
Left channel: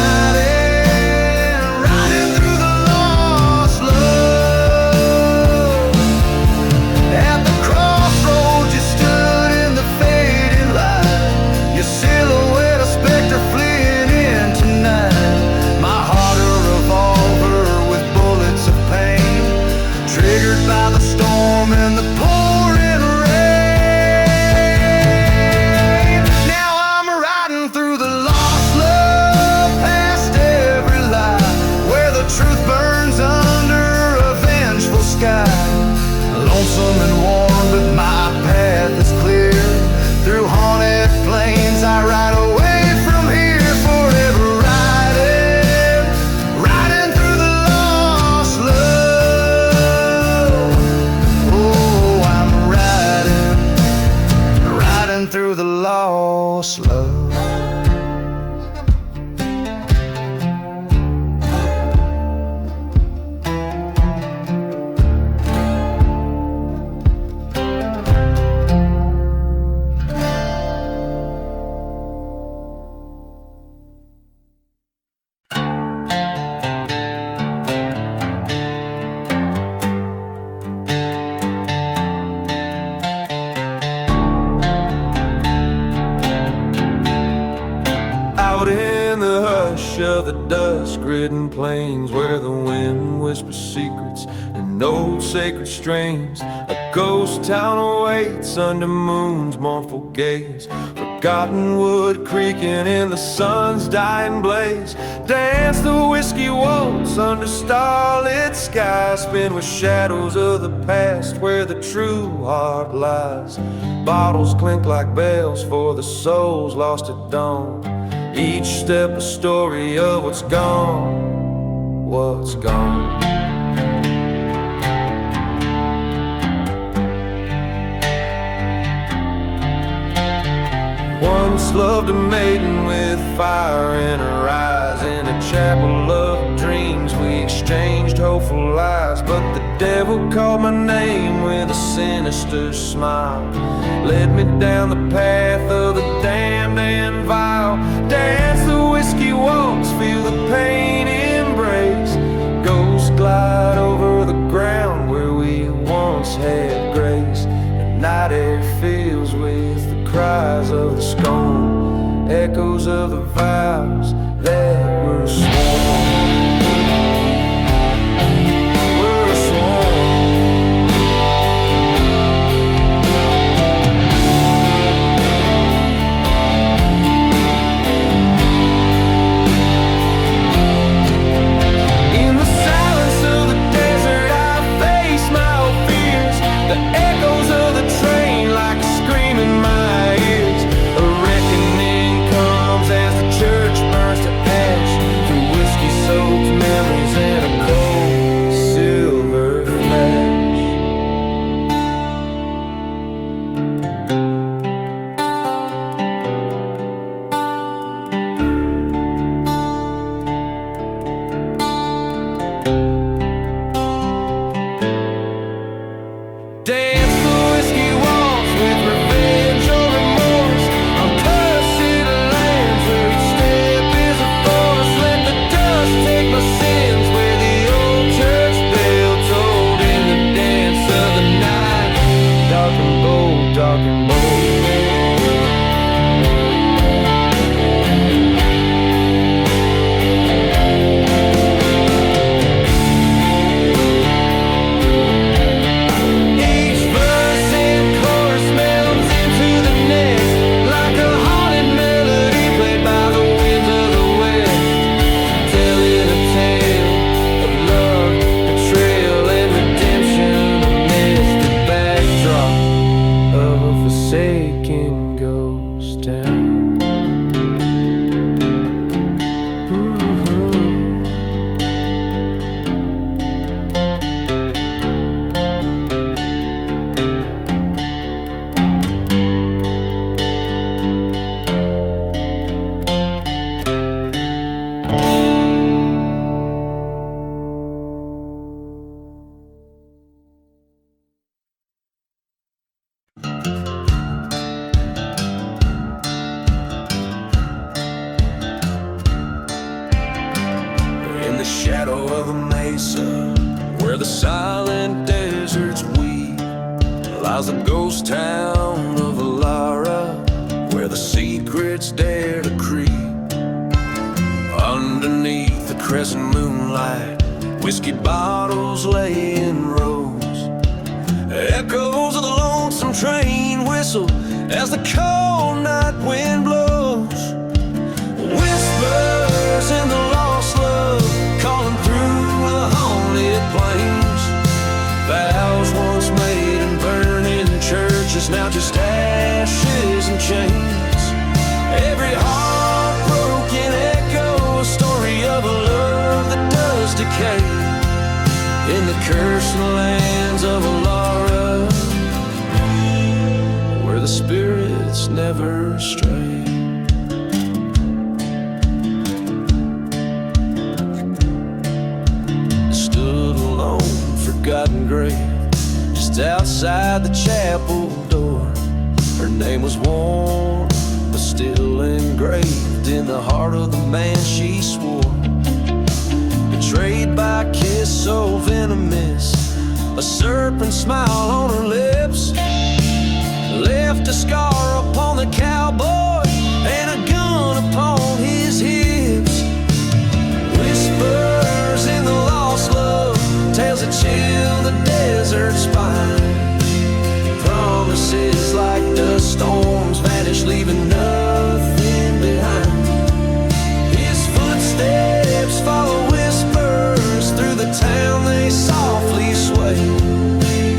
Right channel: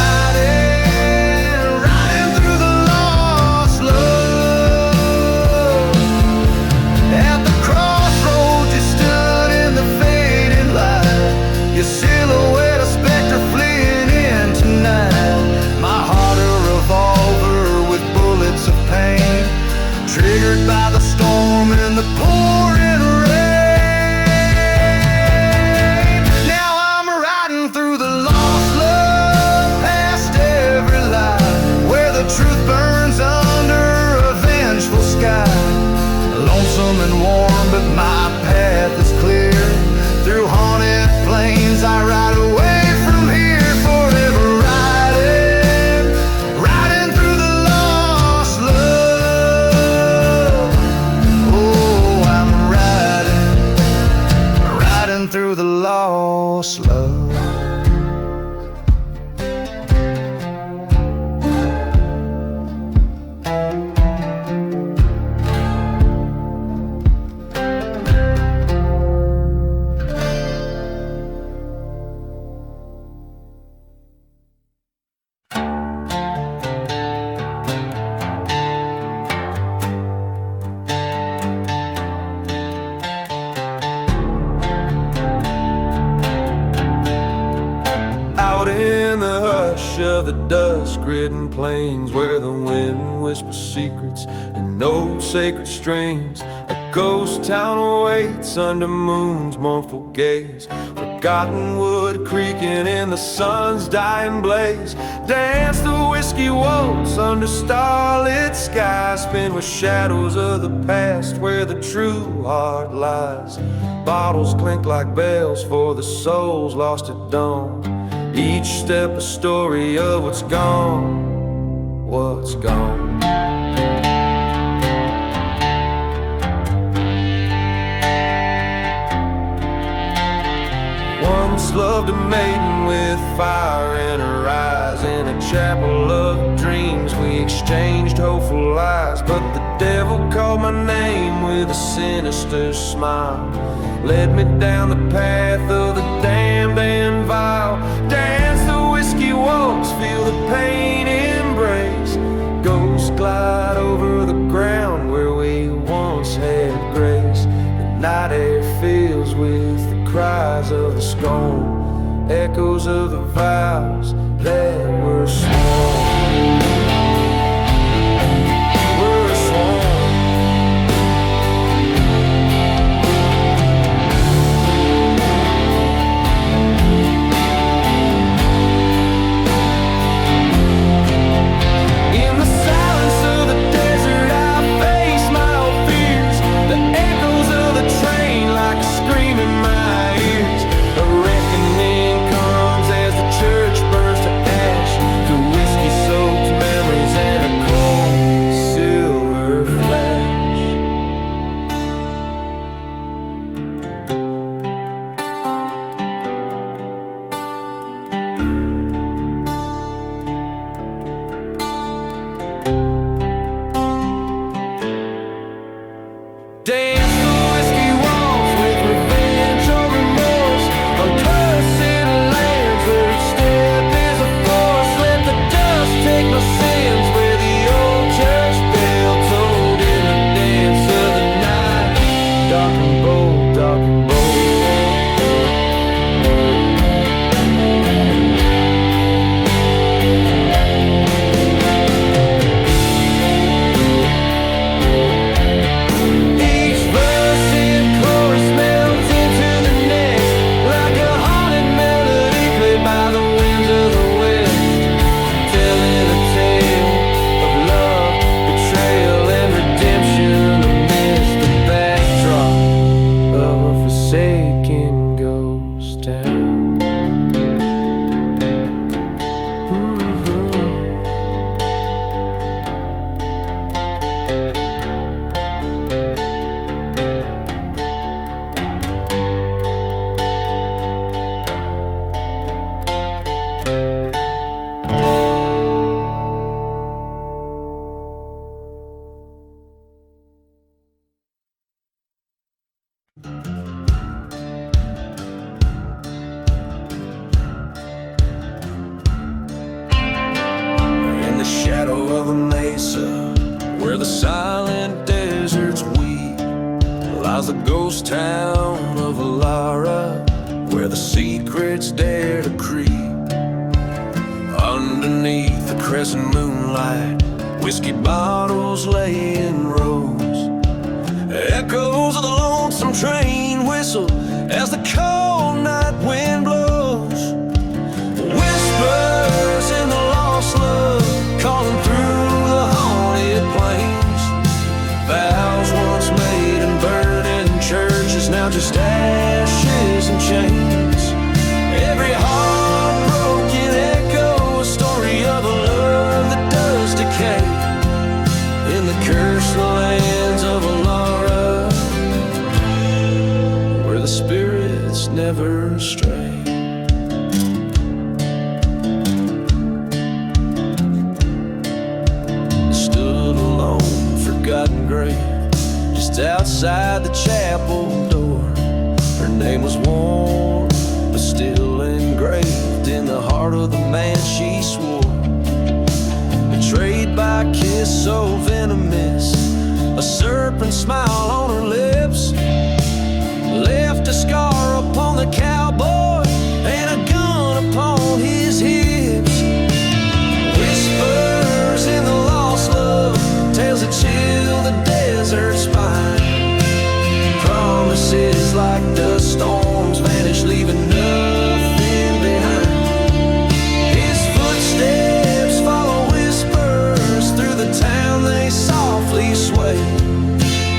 through the lost love. At the crossroads you stood in the fading light, your silhouette a specter fleeing in tonight. My heart a revolver with bullets of pain, triggered by the storm and the pouring rain. Now I'm riding through the lost love, past every lie, where the truth burns under a vengeful sky. Lonesome and warm, but my path is clear. Through haunted plains I ride away from here, forever riding through the lost love. Oh, I'm riding through the lost love. Out in the hush of the dusk-ridden plains, where the wind whispers secrets in old sacred strains, a ghost town awaits under moon's mournful gaze. Forgotten wood creaking in the sun's dying blaze. Dance the whiskey waltz under starlit skies, spin with shadows of the past where the true heart lies. Bottles clink like bells for the souls lost at dawn. Each step a story of what's gone, what's gone. Once loved a maiden with fire in her eyes. In a chapel of dreams we exchanged hopeful lies. But the devil called my name with a sinister smile, led me down the path of the damned and vile. Dance the whiskey waltz, feel the pain embrace. Ghosts glide over the ground where we once had grace. The night air fills with the cries of the scorn, echoes of the vows that were sworn. Were sworn. In the silence of the desert I face my old fears. The echoes of the train like a scream in my ears. A reckoning comes as the church burns to ash, through whiskey-soaked memories and a cold silver flash. Dance the whiskey waltz with revenge or remorse, on cursed lands where each step is a force. Let the dust take my sins where the old church bell tolled in the dance of the night. Dark and bold, dark and bold. Verse and chorus melts into the next, like a haunted melody played by the winds of the west, telling a tale of love, betrayal, and redemption amidst the backdrop of a forsaken ghost town. In the shadow of a mesa, where the silent deserts weep, lies the ghost town of Alara, where the secrets dare to creep. Underneath the crescent moonlight, whiskey bottles lay in rows. Echoes of the lonesome train whistle as the cold night wind blows. Whispers in the lost love calling through the haunted plains. Vows once made and burning churches, now just ashes and chains. Every heartbroken echo, a story of a love that does decay. In the cursed lands of Alara, where the spirits never stray. Stood alone, forgotten grave, just outside the chapel door. Her name was worn, but still engraved in the heart of the man she swore. Betrayed by a kiss so venomous, a serpent smile on her lips, left a scar upon the cowboy and a gun upon his desert spine. Promises like dust storms vanish, leaving nothing behind. His footsteps follow whispers through the town, they softly sway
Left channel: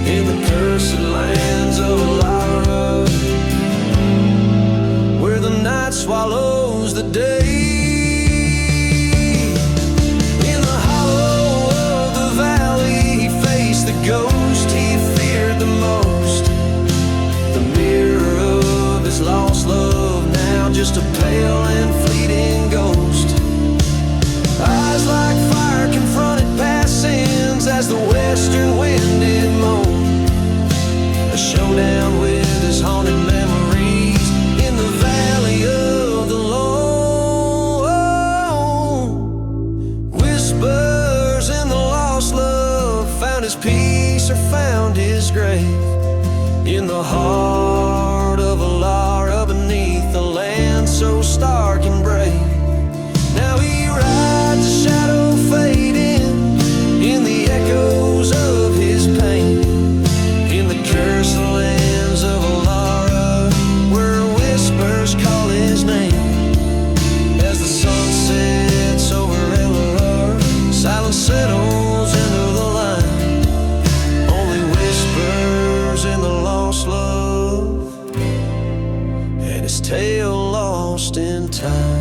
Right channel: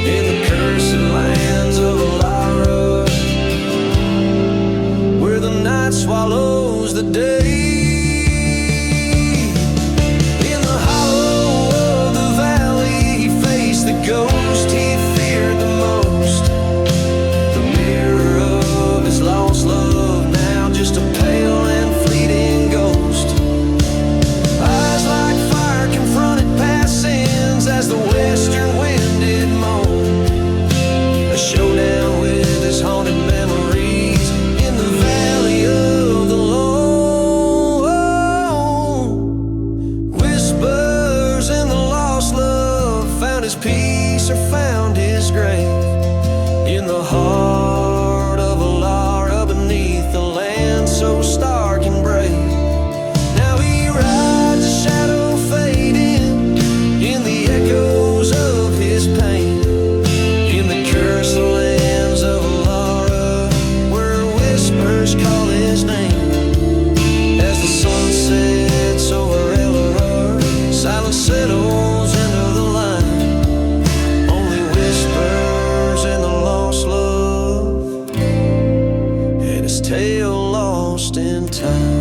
in the cursed lands of Alara, where the night swallows the day. In the hollow of the valley, he faced the ghost he feared the most. The mirror of his lost love, now just a pale and fleeting ghost. Eyes like fire confronted past sins as the western wind did moan. A showdown with his haunted memories in the valley of the lone. Whispers in the lost love, found his peace or found his grave in the heart of Alara, beneath the land so stark and brave. Now he rides a shadow fading in the echoes of his pain, in the cursed lands of Alara, where whispers call his name. As the sun sets over Elara, silence settles into the line. Only whispers in the lost love, and his tale lost in time.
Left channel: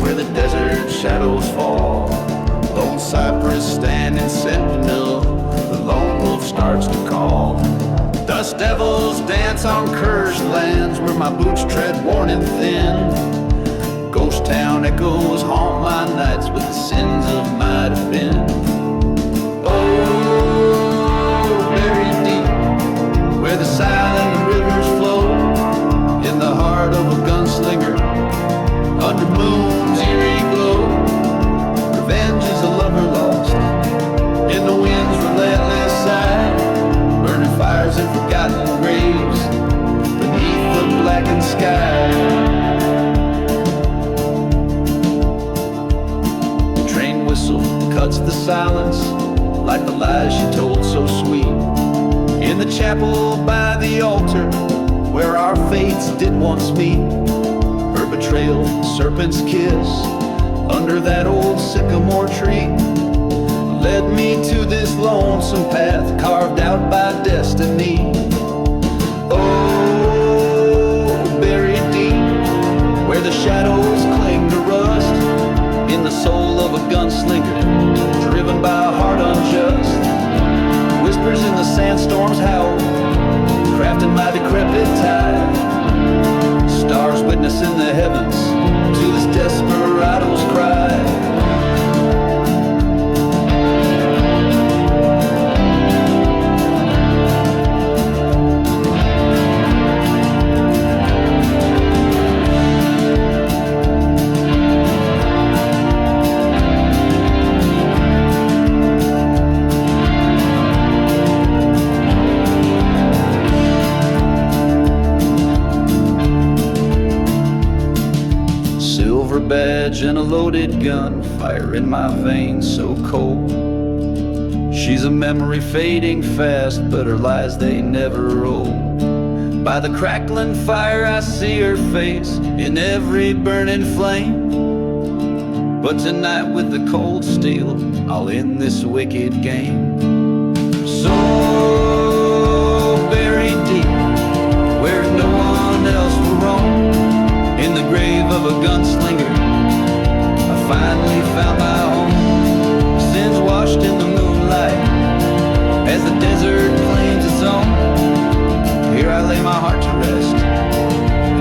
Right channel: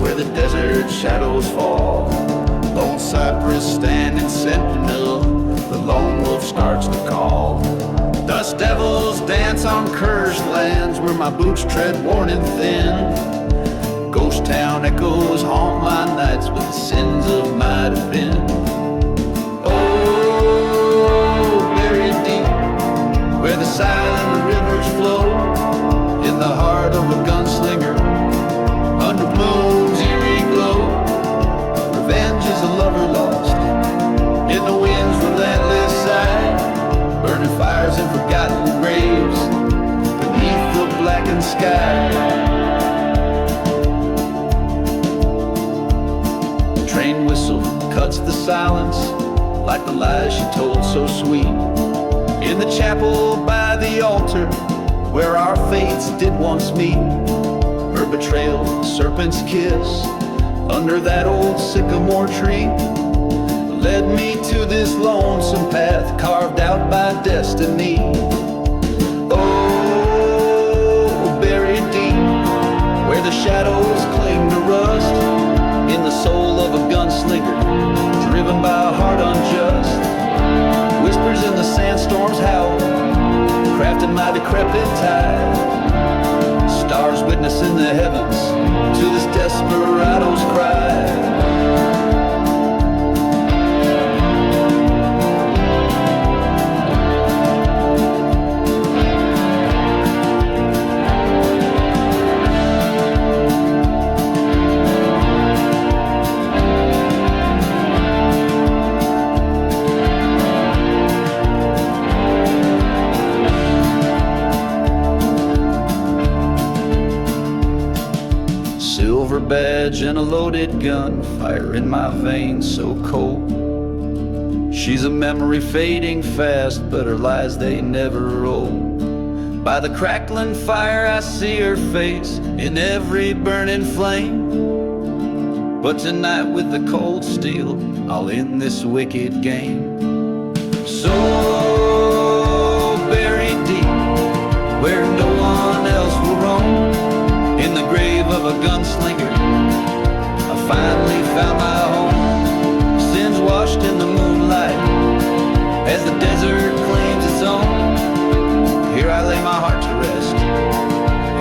Where the desert shadows fall, lone cypress standing sentinel, the lone wolf starts to call. Dust devils dance on cursed lands where my boots tread worn and thin. Ghost town echoes haunt my nights with the sins of might have been. Oh, buried deep where the silent rivers flow, in the heart of a gunslinger, under moon's eerie glow. Revenge is a lover lost in the wind's relentless sigh, burning fires in forgotten graves beneath the blackened sky. The train whistle cuts the silence like the lies she told so sweet, in the chapel by the altar where our fates did once meet. Her betrayal, serpent's kiss, under that old sycamore tree, led me to this lonesome path carved out by destiny. Oh, buried deep, where the shadows cling to rust, in the soul of a gunslinger, driven by a heart unjust. Whispers in the sandstorm's howl, crafting my decrepit tide. Stars witness in the heavens to this desperado's cry. Silver badge and a loaded gun, fire in my veins so cold. She's a memory fading fast, but her lies they never old. By the crackling fire I see her face in every burning flame. But tonight with the cold steel, I'll end this wicked game. So buried deep, where no one else will roam, in the grave of a gunslinger, I finally found my home. Sins washed in the moonlight, as the desert claims its own. Here I lay my heart to rest,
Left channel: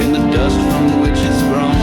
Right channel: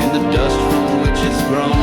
in the dust from which it's grown.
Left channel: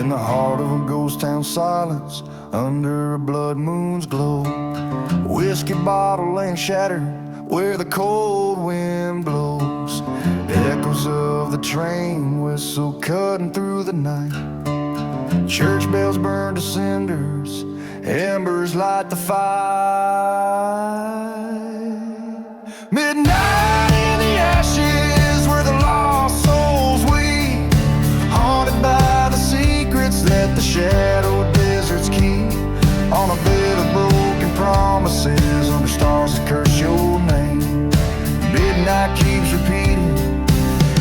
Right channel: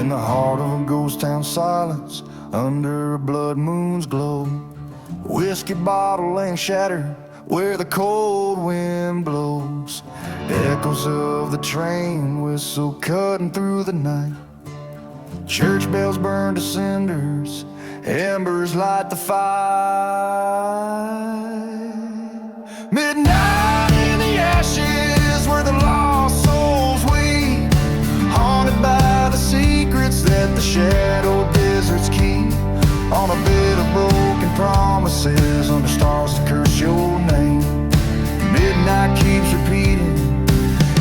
In the heart of a ghost town silence, under a blood moon's glow, whiskey bottle laying shattered where the cold wind blows. Echoes of the train whistle cutting through the night. Church bells burn to cinders, embers light the fire. Midnight in the ashes where the lost souls weep, haunted by the secrets that the shadow deserts keep. On a bed of broken promises, under stars that curse your name, midnight keeps repeating,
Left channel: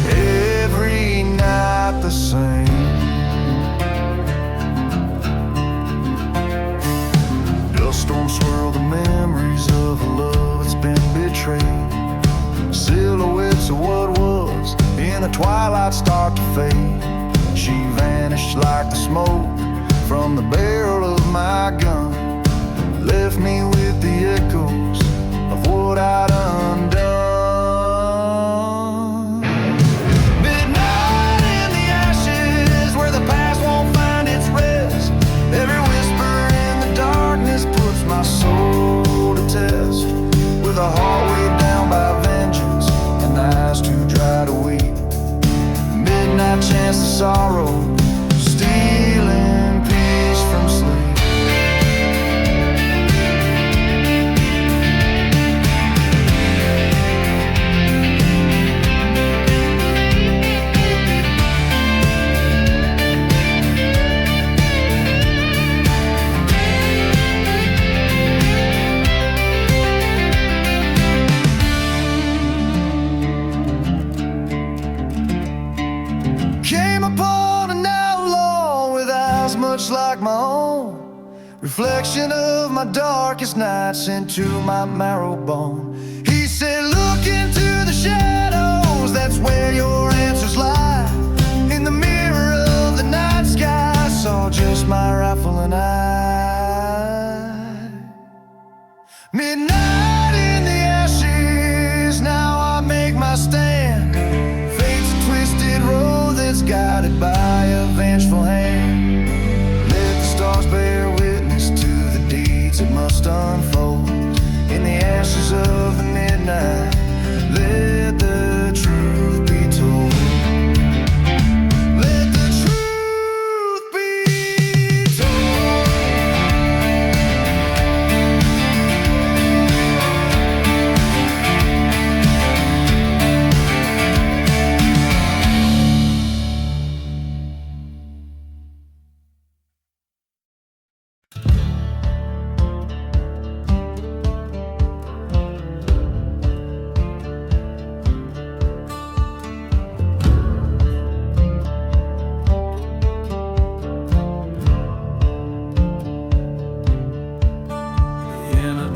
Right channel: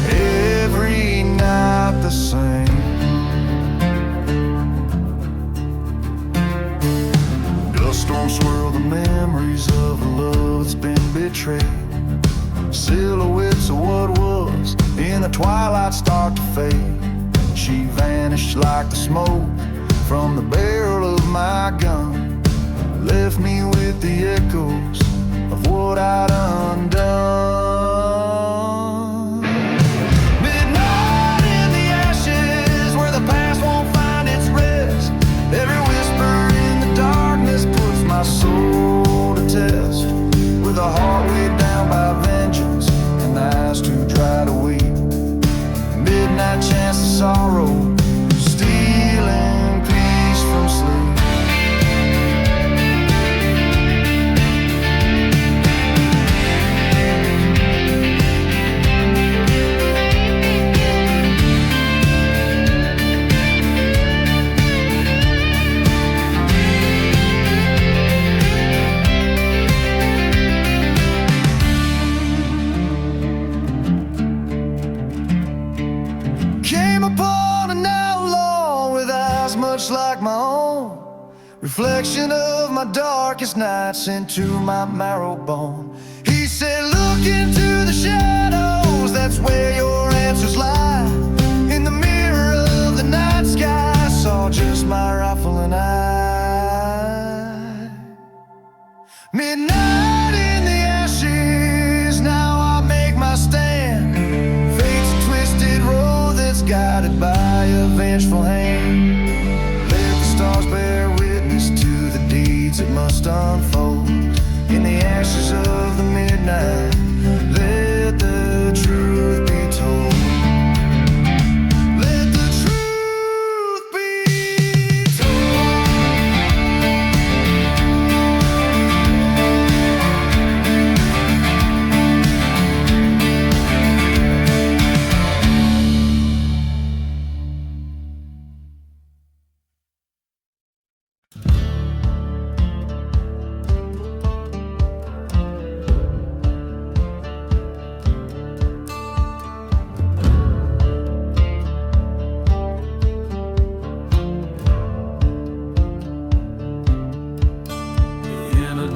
every night the same. Dust storms swirl the memories of a love that's been betrayed. Silhouettes of what was in the twilight start to fade. She vanished like the smoke from the barrel of my gun, left me with the echoes of what I'd undone. Midnight in the ashes where the past won't find its rest. Every whisper in the darkness puts my soul to test. With a heart weighed down by vengeance and eyes too dry to weep, midnight chance of sorrow, stealing peace from sleep. Came upon an outlaw with eyes much like my own, reflection of my darkest nights into my marrow bone. He said, look into the shadows, that's where your answers lie. In the mirror of the night sky, I saw just my rifle and I. Midnight in the ashes, now I make my stand. Fate's a twisted road that's guided by a vengeful hand. Let the stars bear witness to the deeds that must unfold. In the ashes of the midnight, let the truth be told. Let the truth be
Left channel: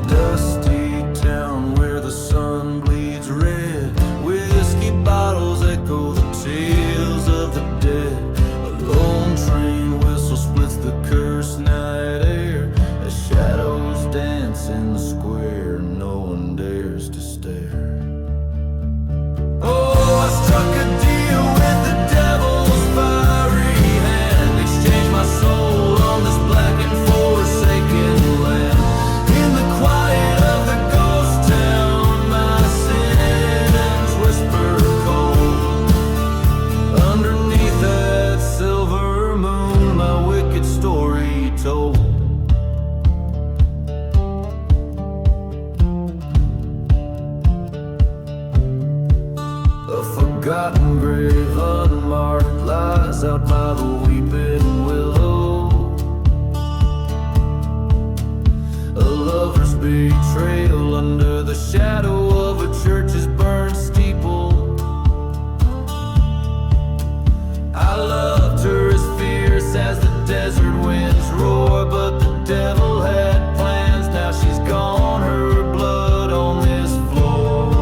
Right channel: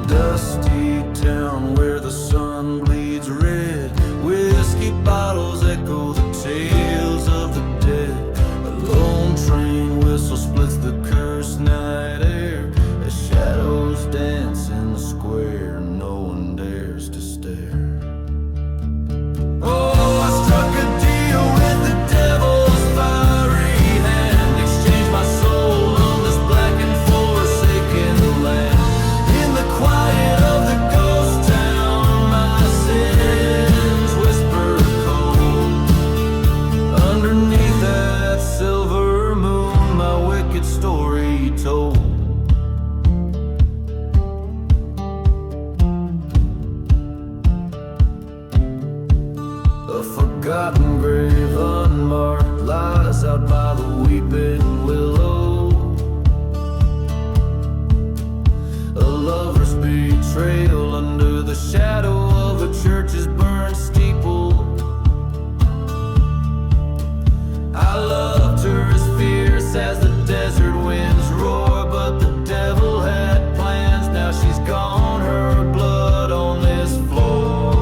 dusty town where the sun bleeds red. Whiskey bottles echo the tales of the dead. A lone train whistle splits the cursed night air. As shadows dance in the square, no one dares to stare. Oh, I struck a deal with the devil's fiery hand. Exchanged my soul on this black and forsaken land. In the quiet of the ghost town, my sins whisper cold. Underneath that silver moon, my wicked story told. A forgotten grave unmarked lies out by the weeping willow. A lover's betrayal under the shadow of a church's burned steeple. I loved her as fierce as the desert winds roar, but the devil had plans, now she's gone, her blood on this floor.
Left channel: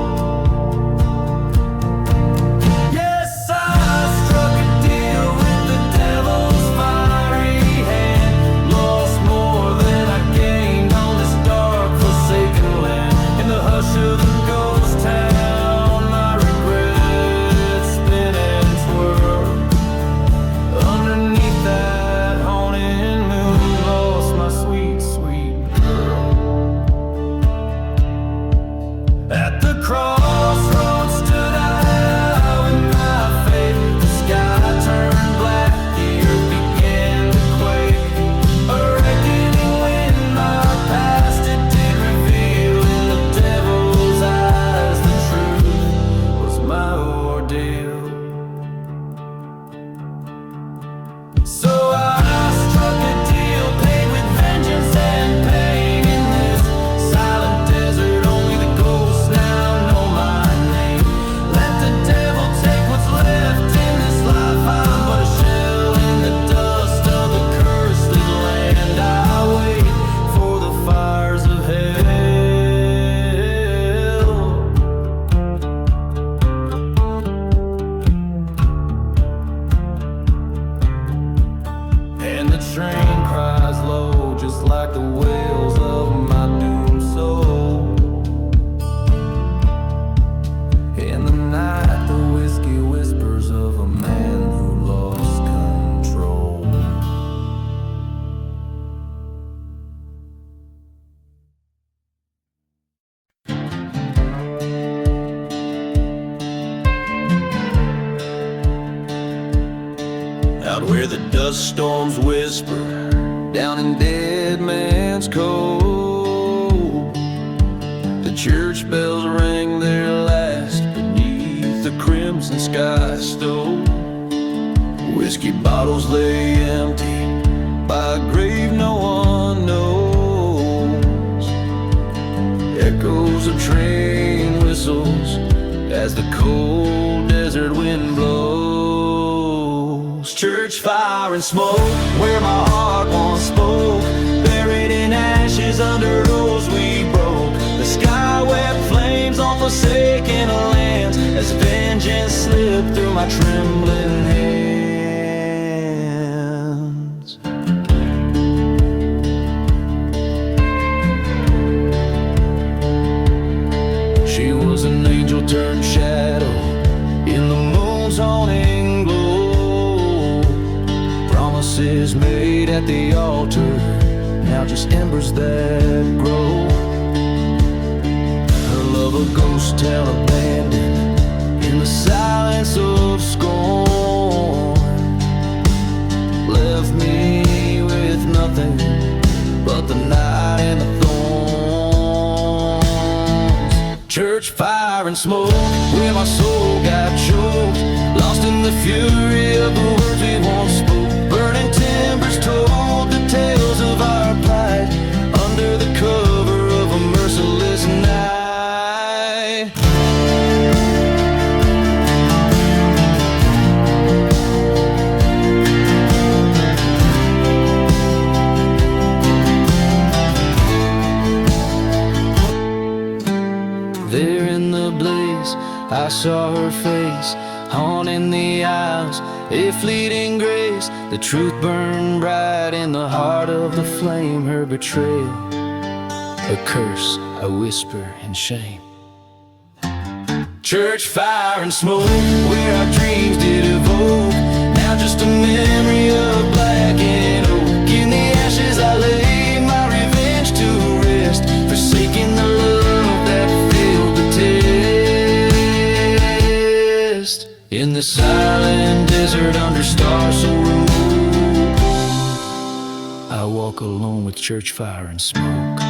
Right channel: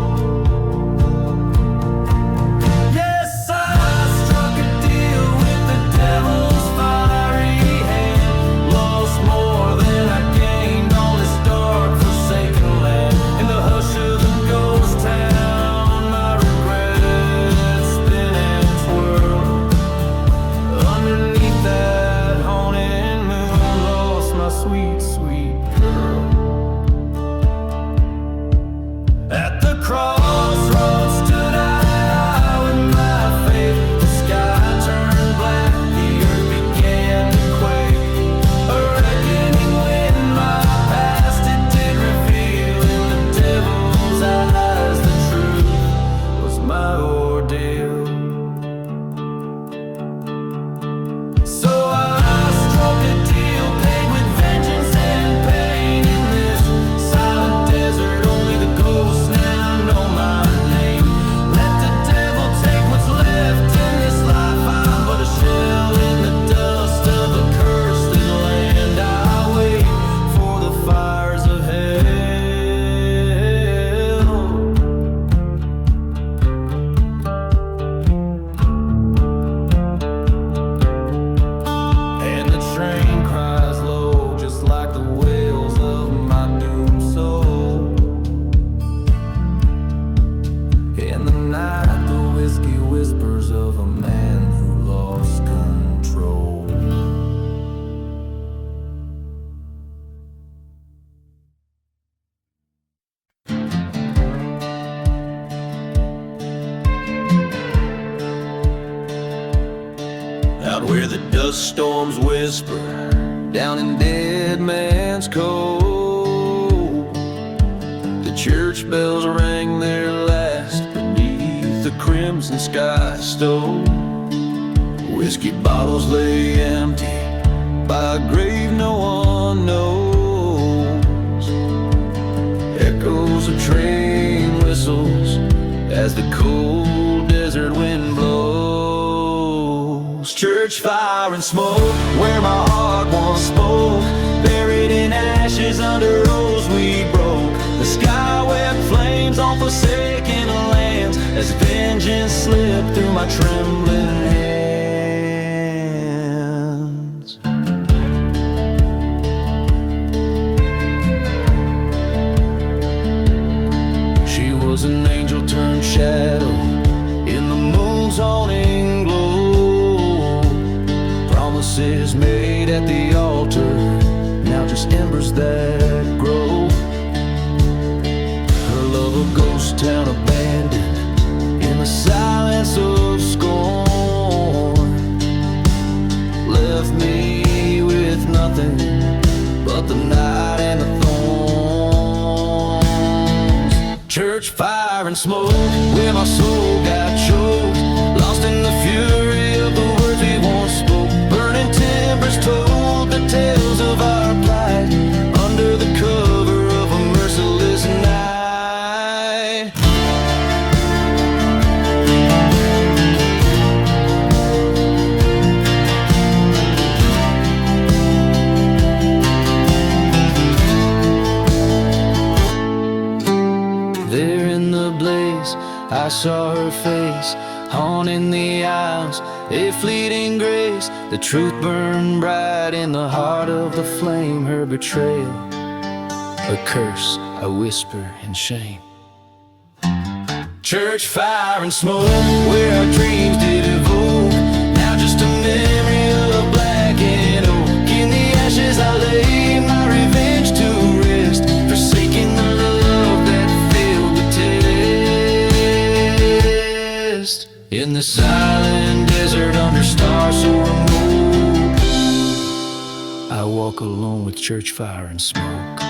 Yes, I struck a deal with the devil's fiery hand. Lost more than I gained on this dark forsaken land. In the hush of the ghost town, my regrets spin and twirl. Underneath that my ordeal. So I struck a deal, paid with vengeance and pain. In this silent desert, only the ghosts now know my name. Let the devil take what's left in this life. I'm but a shell in the dust of the cursed land. I wait for the fires of hell. And the train cries low, just like the wails of my doomed soul. In the night, the whiskey whispers of a man who lost control. Out where the dust storms whisper, down in Dead Man's Cove, the church bells rang their last beneath the crimson sky stove. Whiskey bottles lay empty by a grave no one knows. Echoes of train whistles as the cold desert wind blows. Church fire and smoke where my heart once spoke, buried in ashes under rose we broke. The sky wept flames on forsaken lands as vengeance slipped through my trembling hands. She was an angel turned shadow in the moon's haunting glow. Promises made at the altar, now just embers that grow. Her love a ghost town abandoned in the silence of scorn. Left me with nothing but the night and the thorns. Church fire and smoke where my soul got choked, lost in the fury of the words we once spoke. Burning timbers told the tales of our plight under the cover of a merciless night. There in the blaze, I saw her face, haunting the aisles, a fleeting grace. The truth burned bright in the heart of the flame. Her betrayal, a curse I whisper in shame. Church fire and smoke where our dreams did evoke, now just a memory of black and oak. In the ashes I lay my revenge to rest, forsaking the love that failed the test. In the silent desert under stars so remote, I walk alone with church fire and smoke.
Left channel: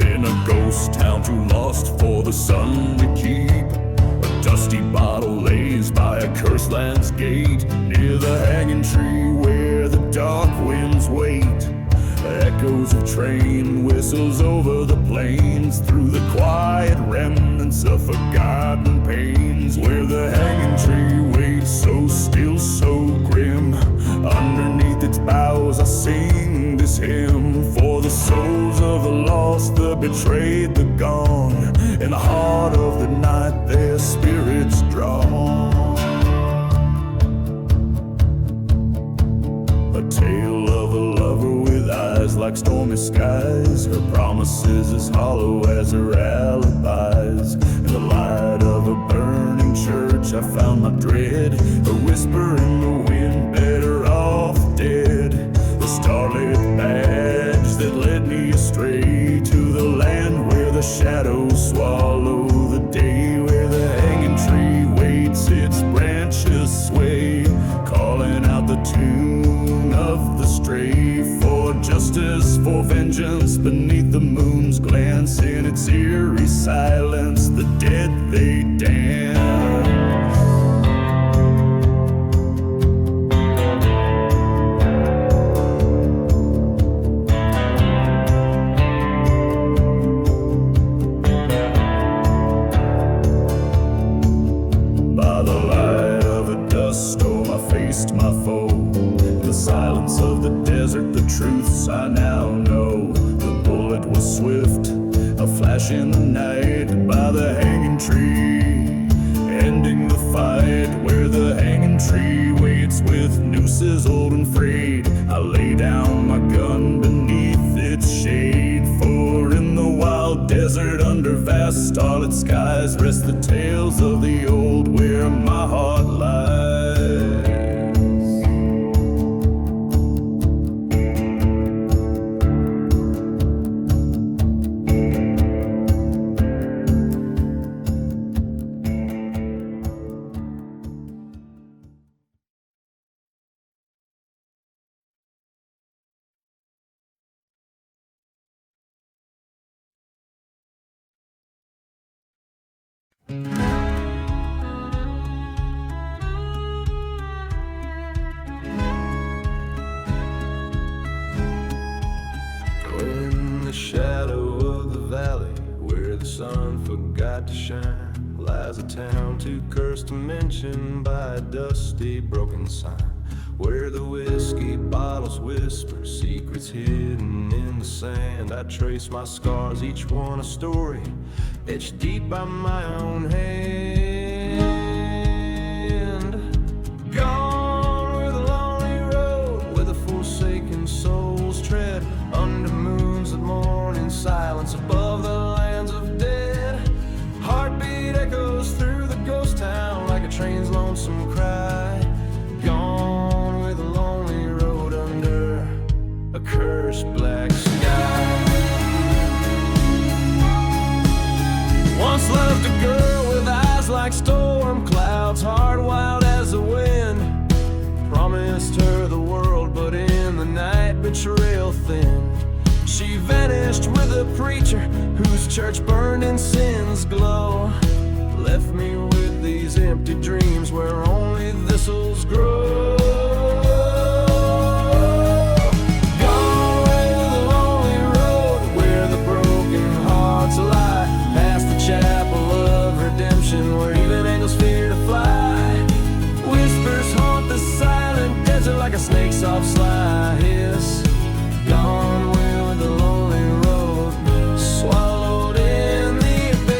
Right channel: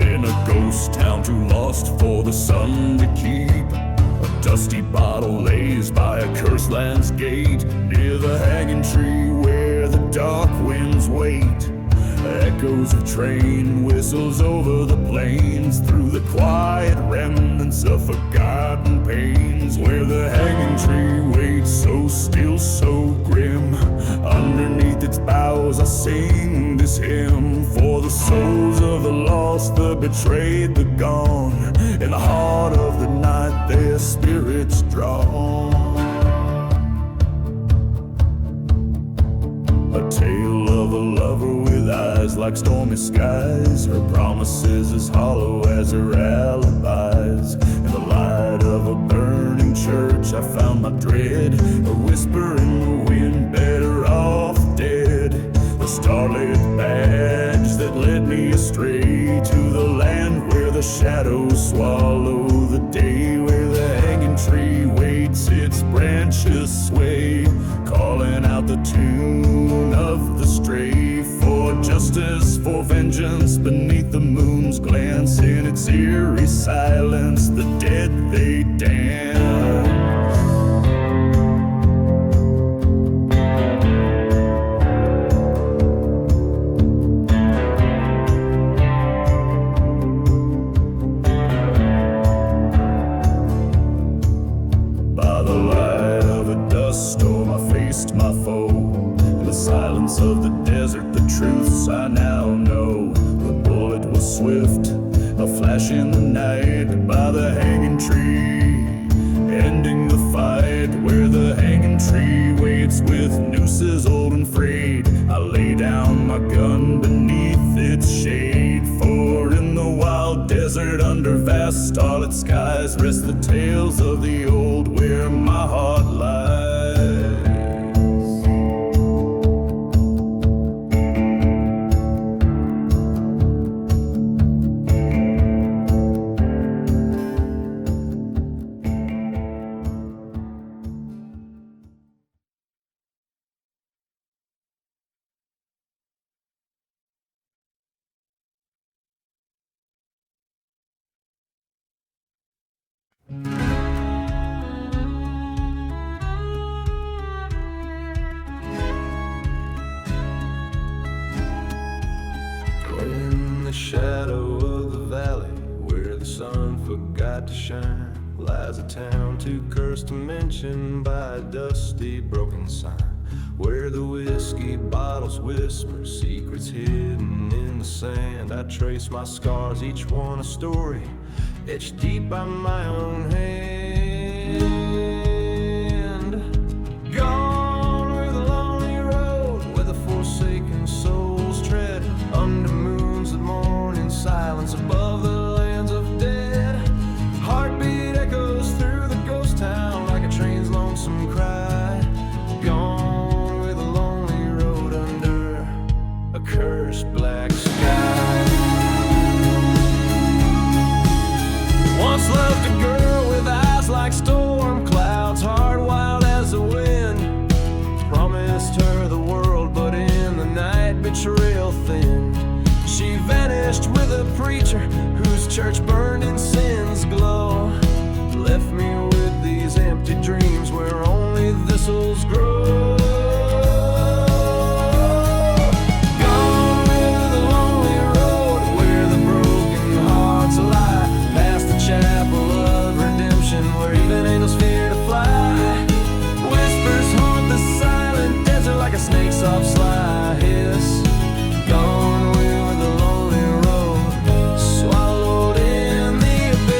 In a ghost town too lost for the sun to keep, a dusty bottle lays by a cursed land's gate, near the hanging tree where the dark winds wait. Echoes of train whistles over the plains, through the quiet remnants of forgotten pains, where the hanging tree waits so still, so grim. Underneath its boughs I sing this hymn for the souls of the lost, the betrayed, the gone. In the heart of the night their spirits draw. A tale of a lover with eyes like stormy skies. Her promises as hollow as her alibis. In the light of a burning church I found my dread. A whisper in the wind, better off dead. The starlit badge that led me astray to the land where the shadows swallow the day. Where the hanging tree waits, its branches sway, calling out the tune of the stray. For justice, for vengeance, beneath the moon's glance. In its eerie silence, the dead they dance. Storm I faced my foe. In the silence of the desert, the truths I now know. The bullet was swift, a flash in the night by the hanging tree, ending the fight where the hanging tree waits with nooses old and frayed. I lay down my gun beneath its shade, for in the wild desert under vast starlit skies rest the tales of the old where my heart lies. In the shadow of the valley where the sun forgot to shine lies a town too cursed to mention by a dusty broken sign, where the whiskey bottles whisper secrets hidden in the sand. I trace my scars, each one a story etched deep by my own hand. Gone where the lonely road, where the forsaken souls tread, under moons that mourn in silence above the lands of dead. Heartbeat echoes through the ghost town like a train's lonesome cry. Gone with a lonely road under a cursed black sky. Once loved a girl with eyes like storm clouds, heart wild as the wind. Promised her the world, but in the night betrayal thinned. She vanished with a preacher whose church burned in sin's glow. Left me with these empty dreams where only thistles grow. Gone with the lonely road where the broken hearts lie, past the chapel of redemption where even angels fear to fly. Whispers haunt the silent desert like a snake's soft sly hiss. Gone with the lonely road, swallowed in the abyss.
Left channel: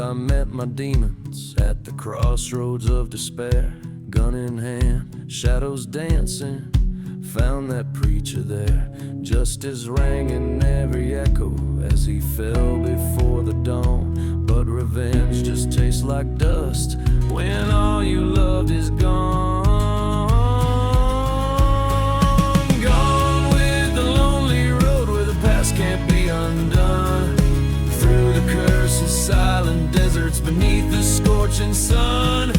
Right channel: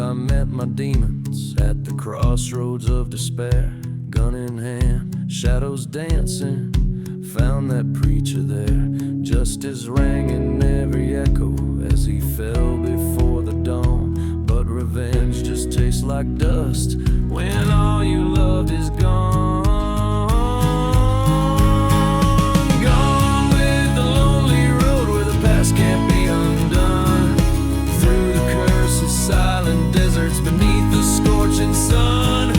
I met my demons at the crossroads of despair. Gun in hand, shadows dancing, found that preacher there. Justice rang in every echo as he fell before the dawn. But revenge just tastes like dust when all you loved is gone. Gone with the lonely road where the past can't be undone. Through the curses, silent deserts beneath the scorching sun.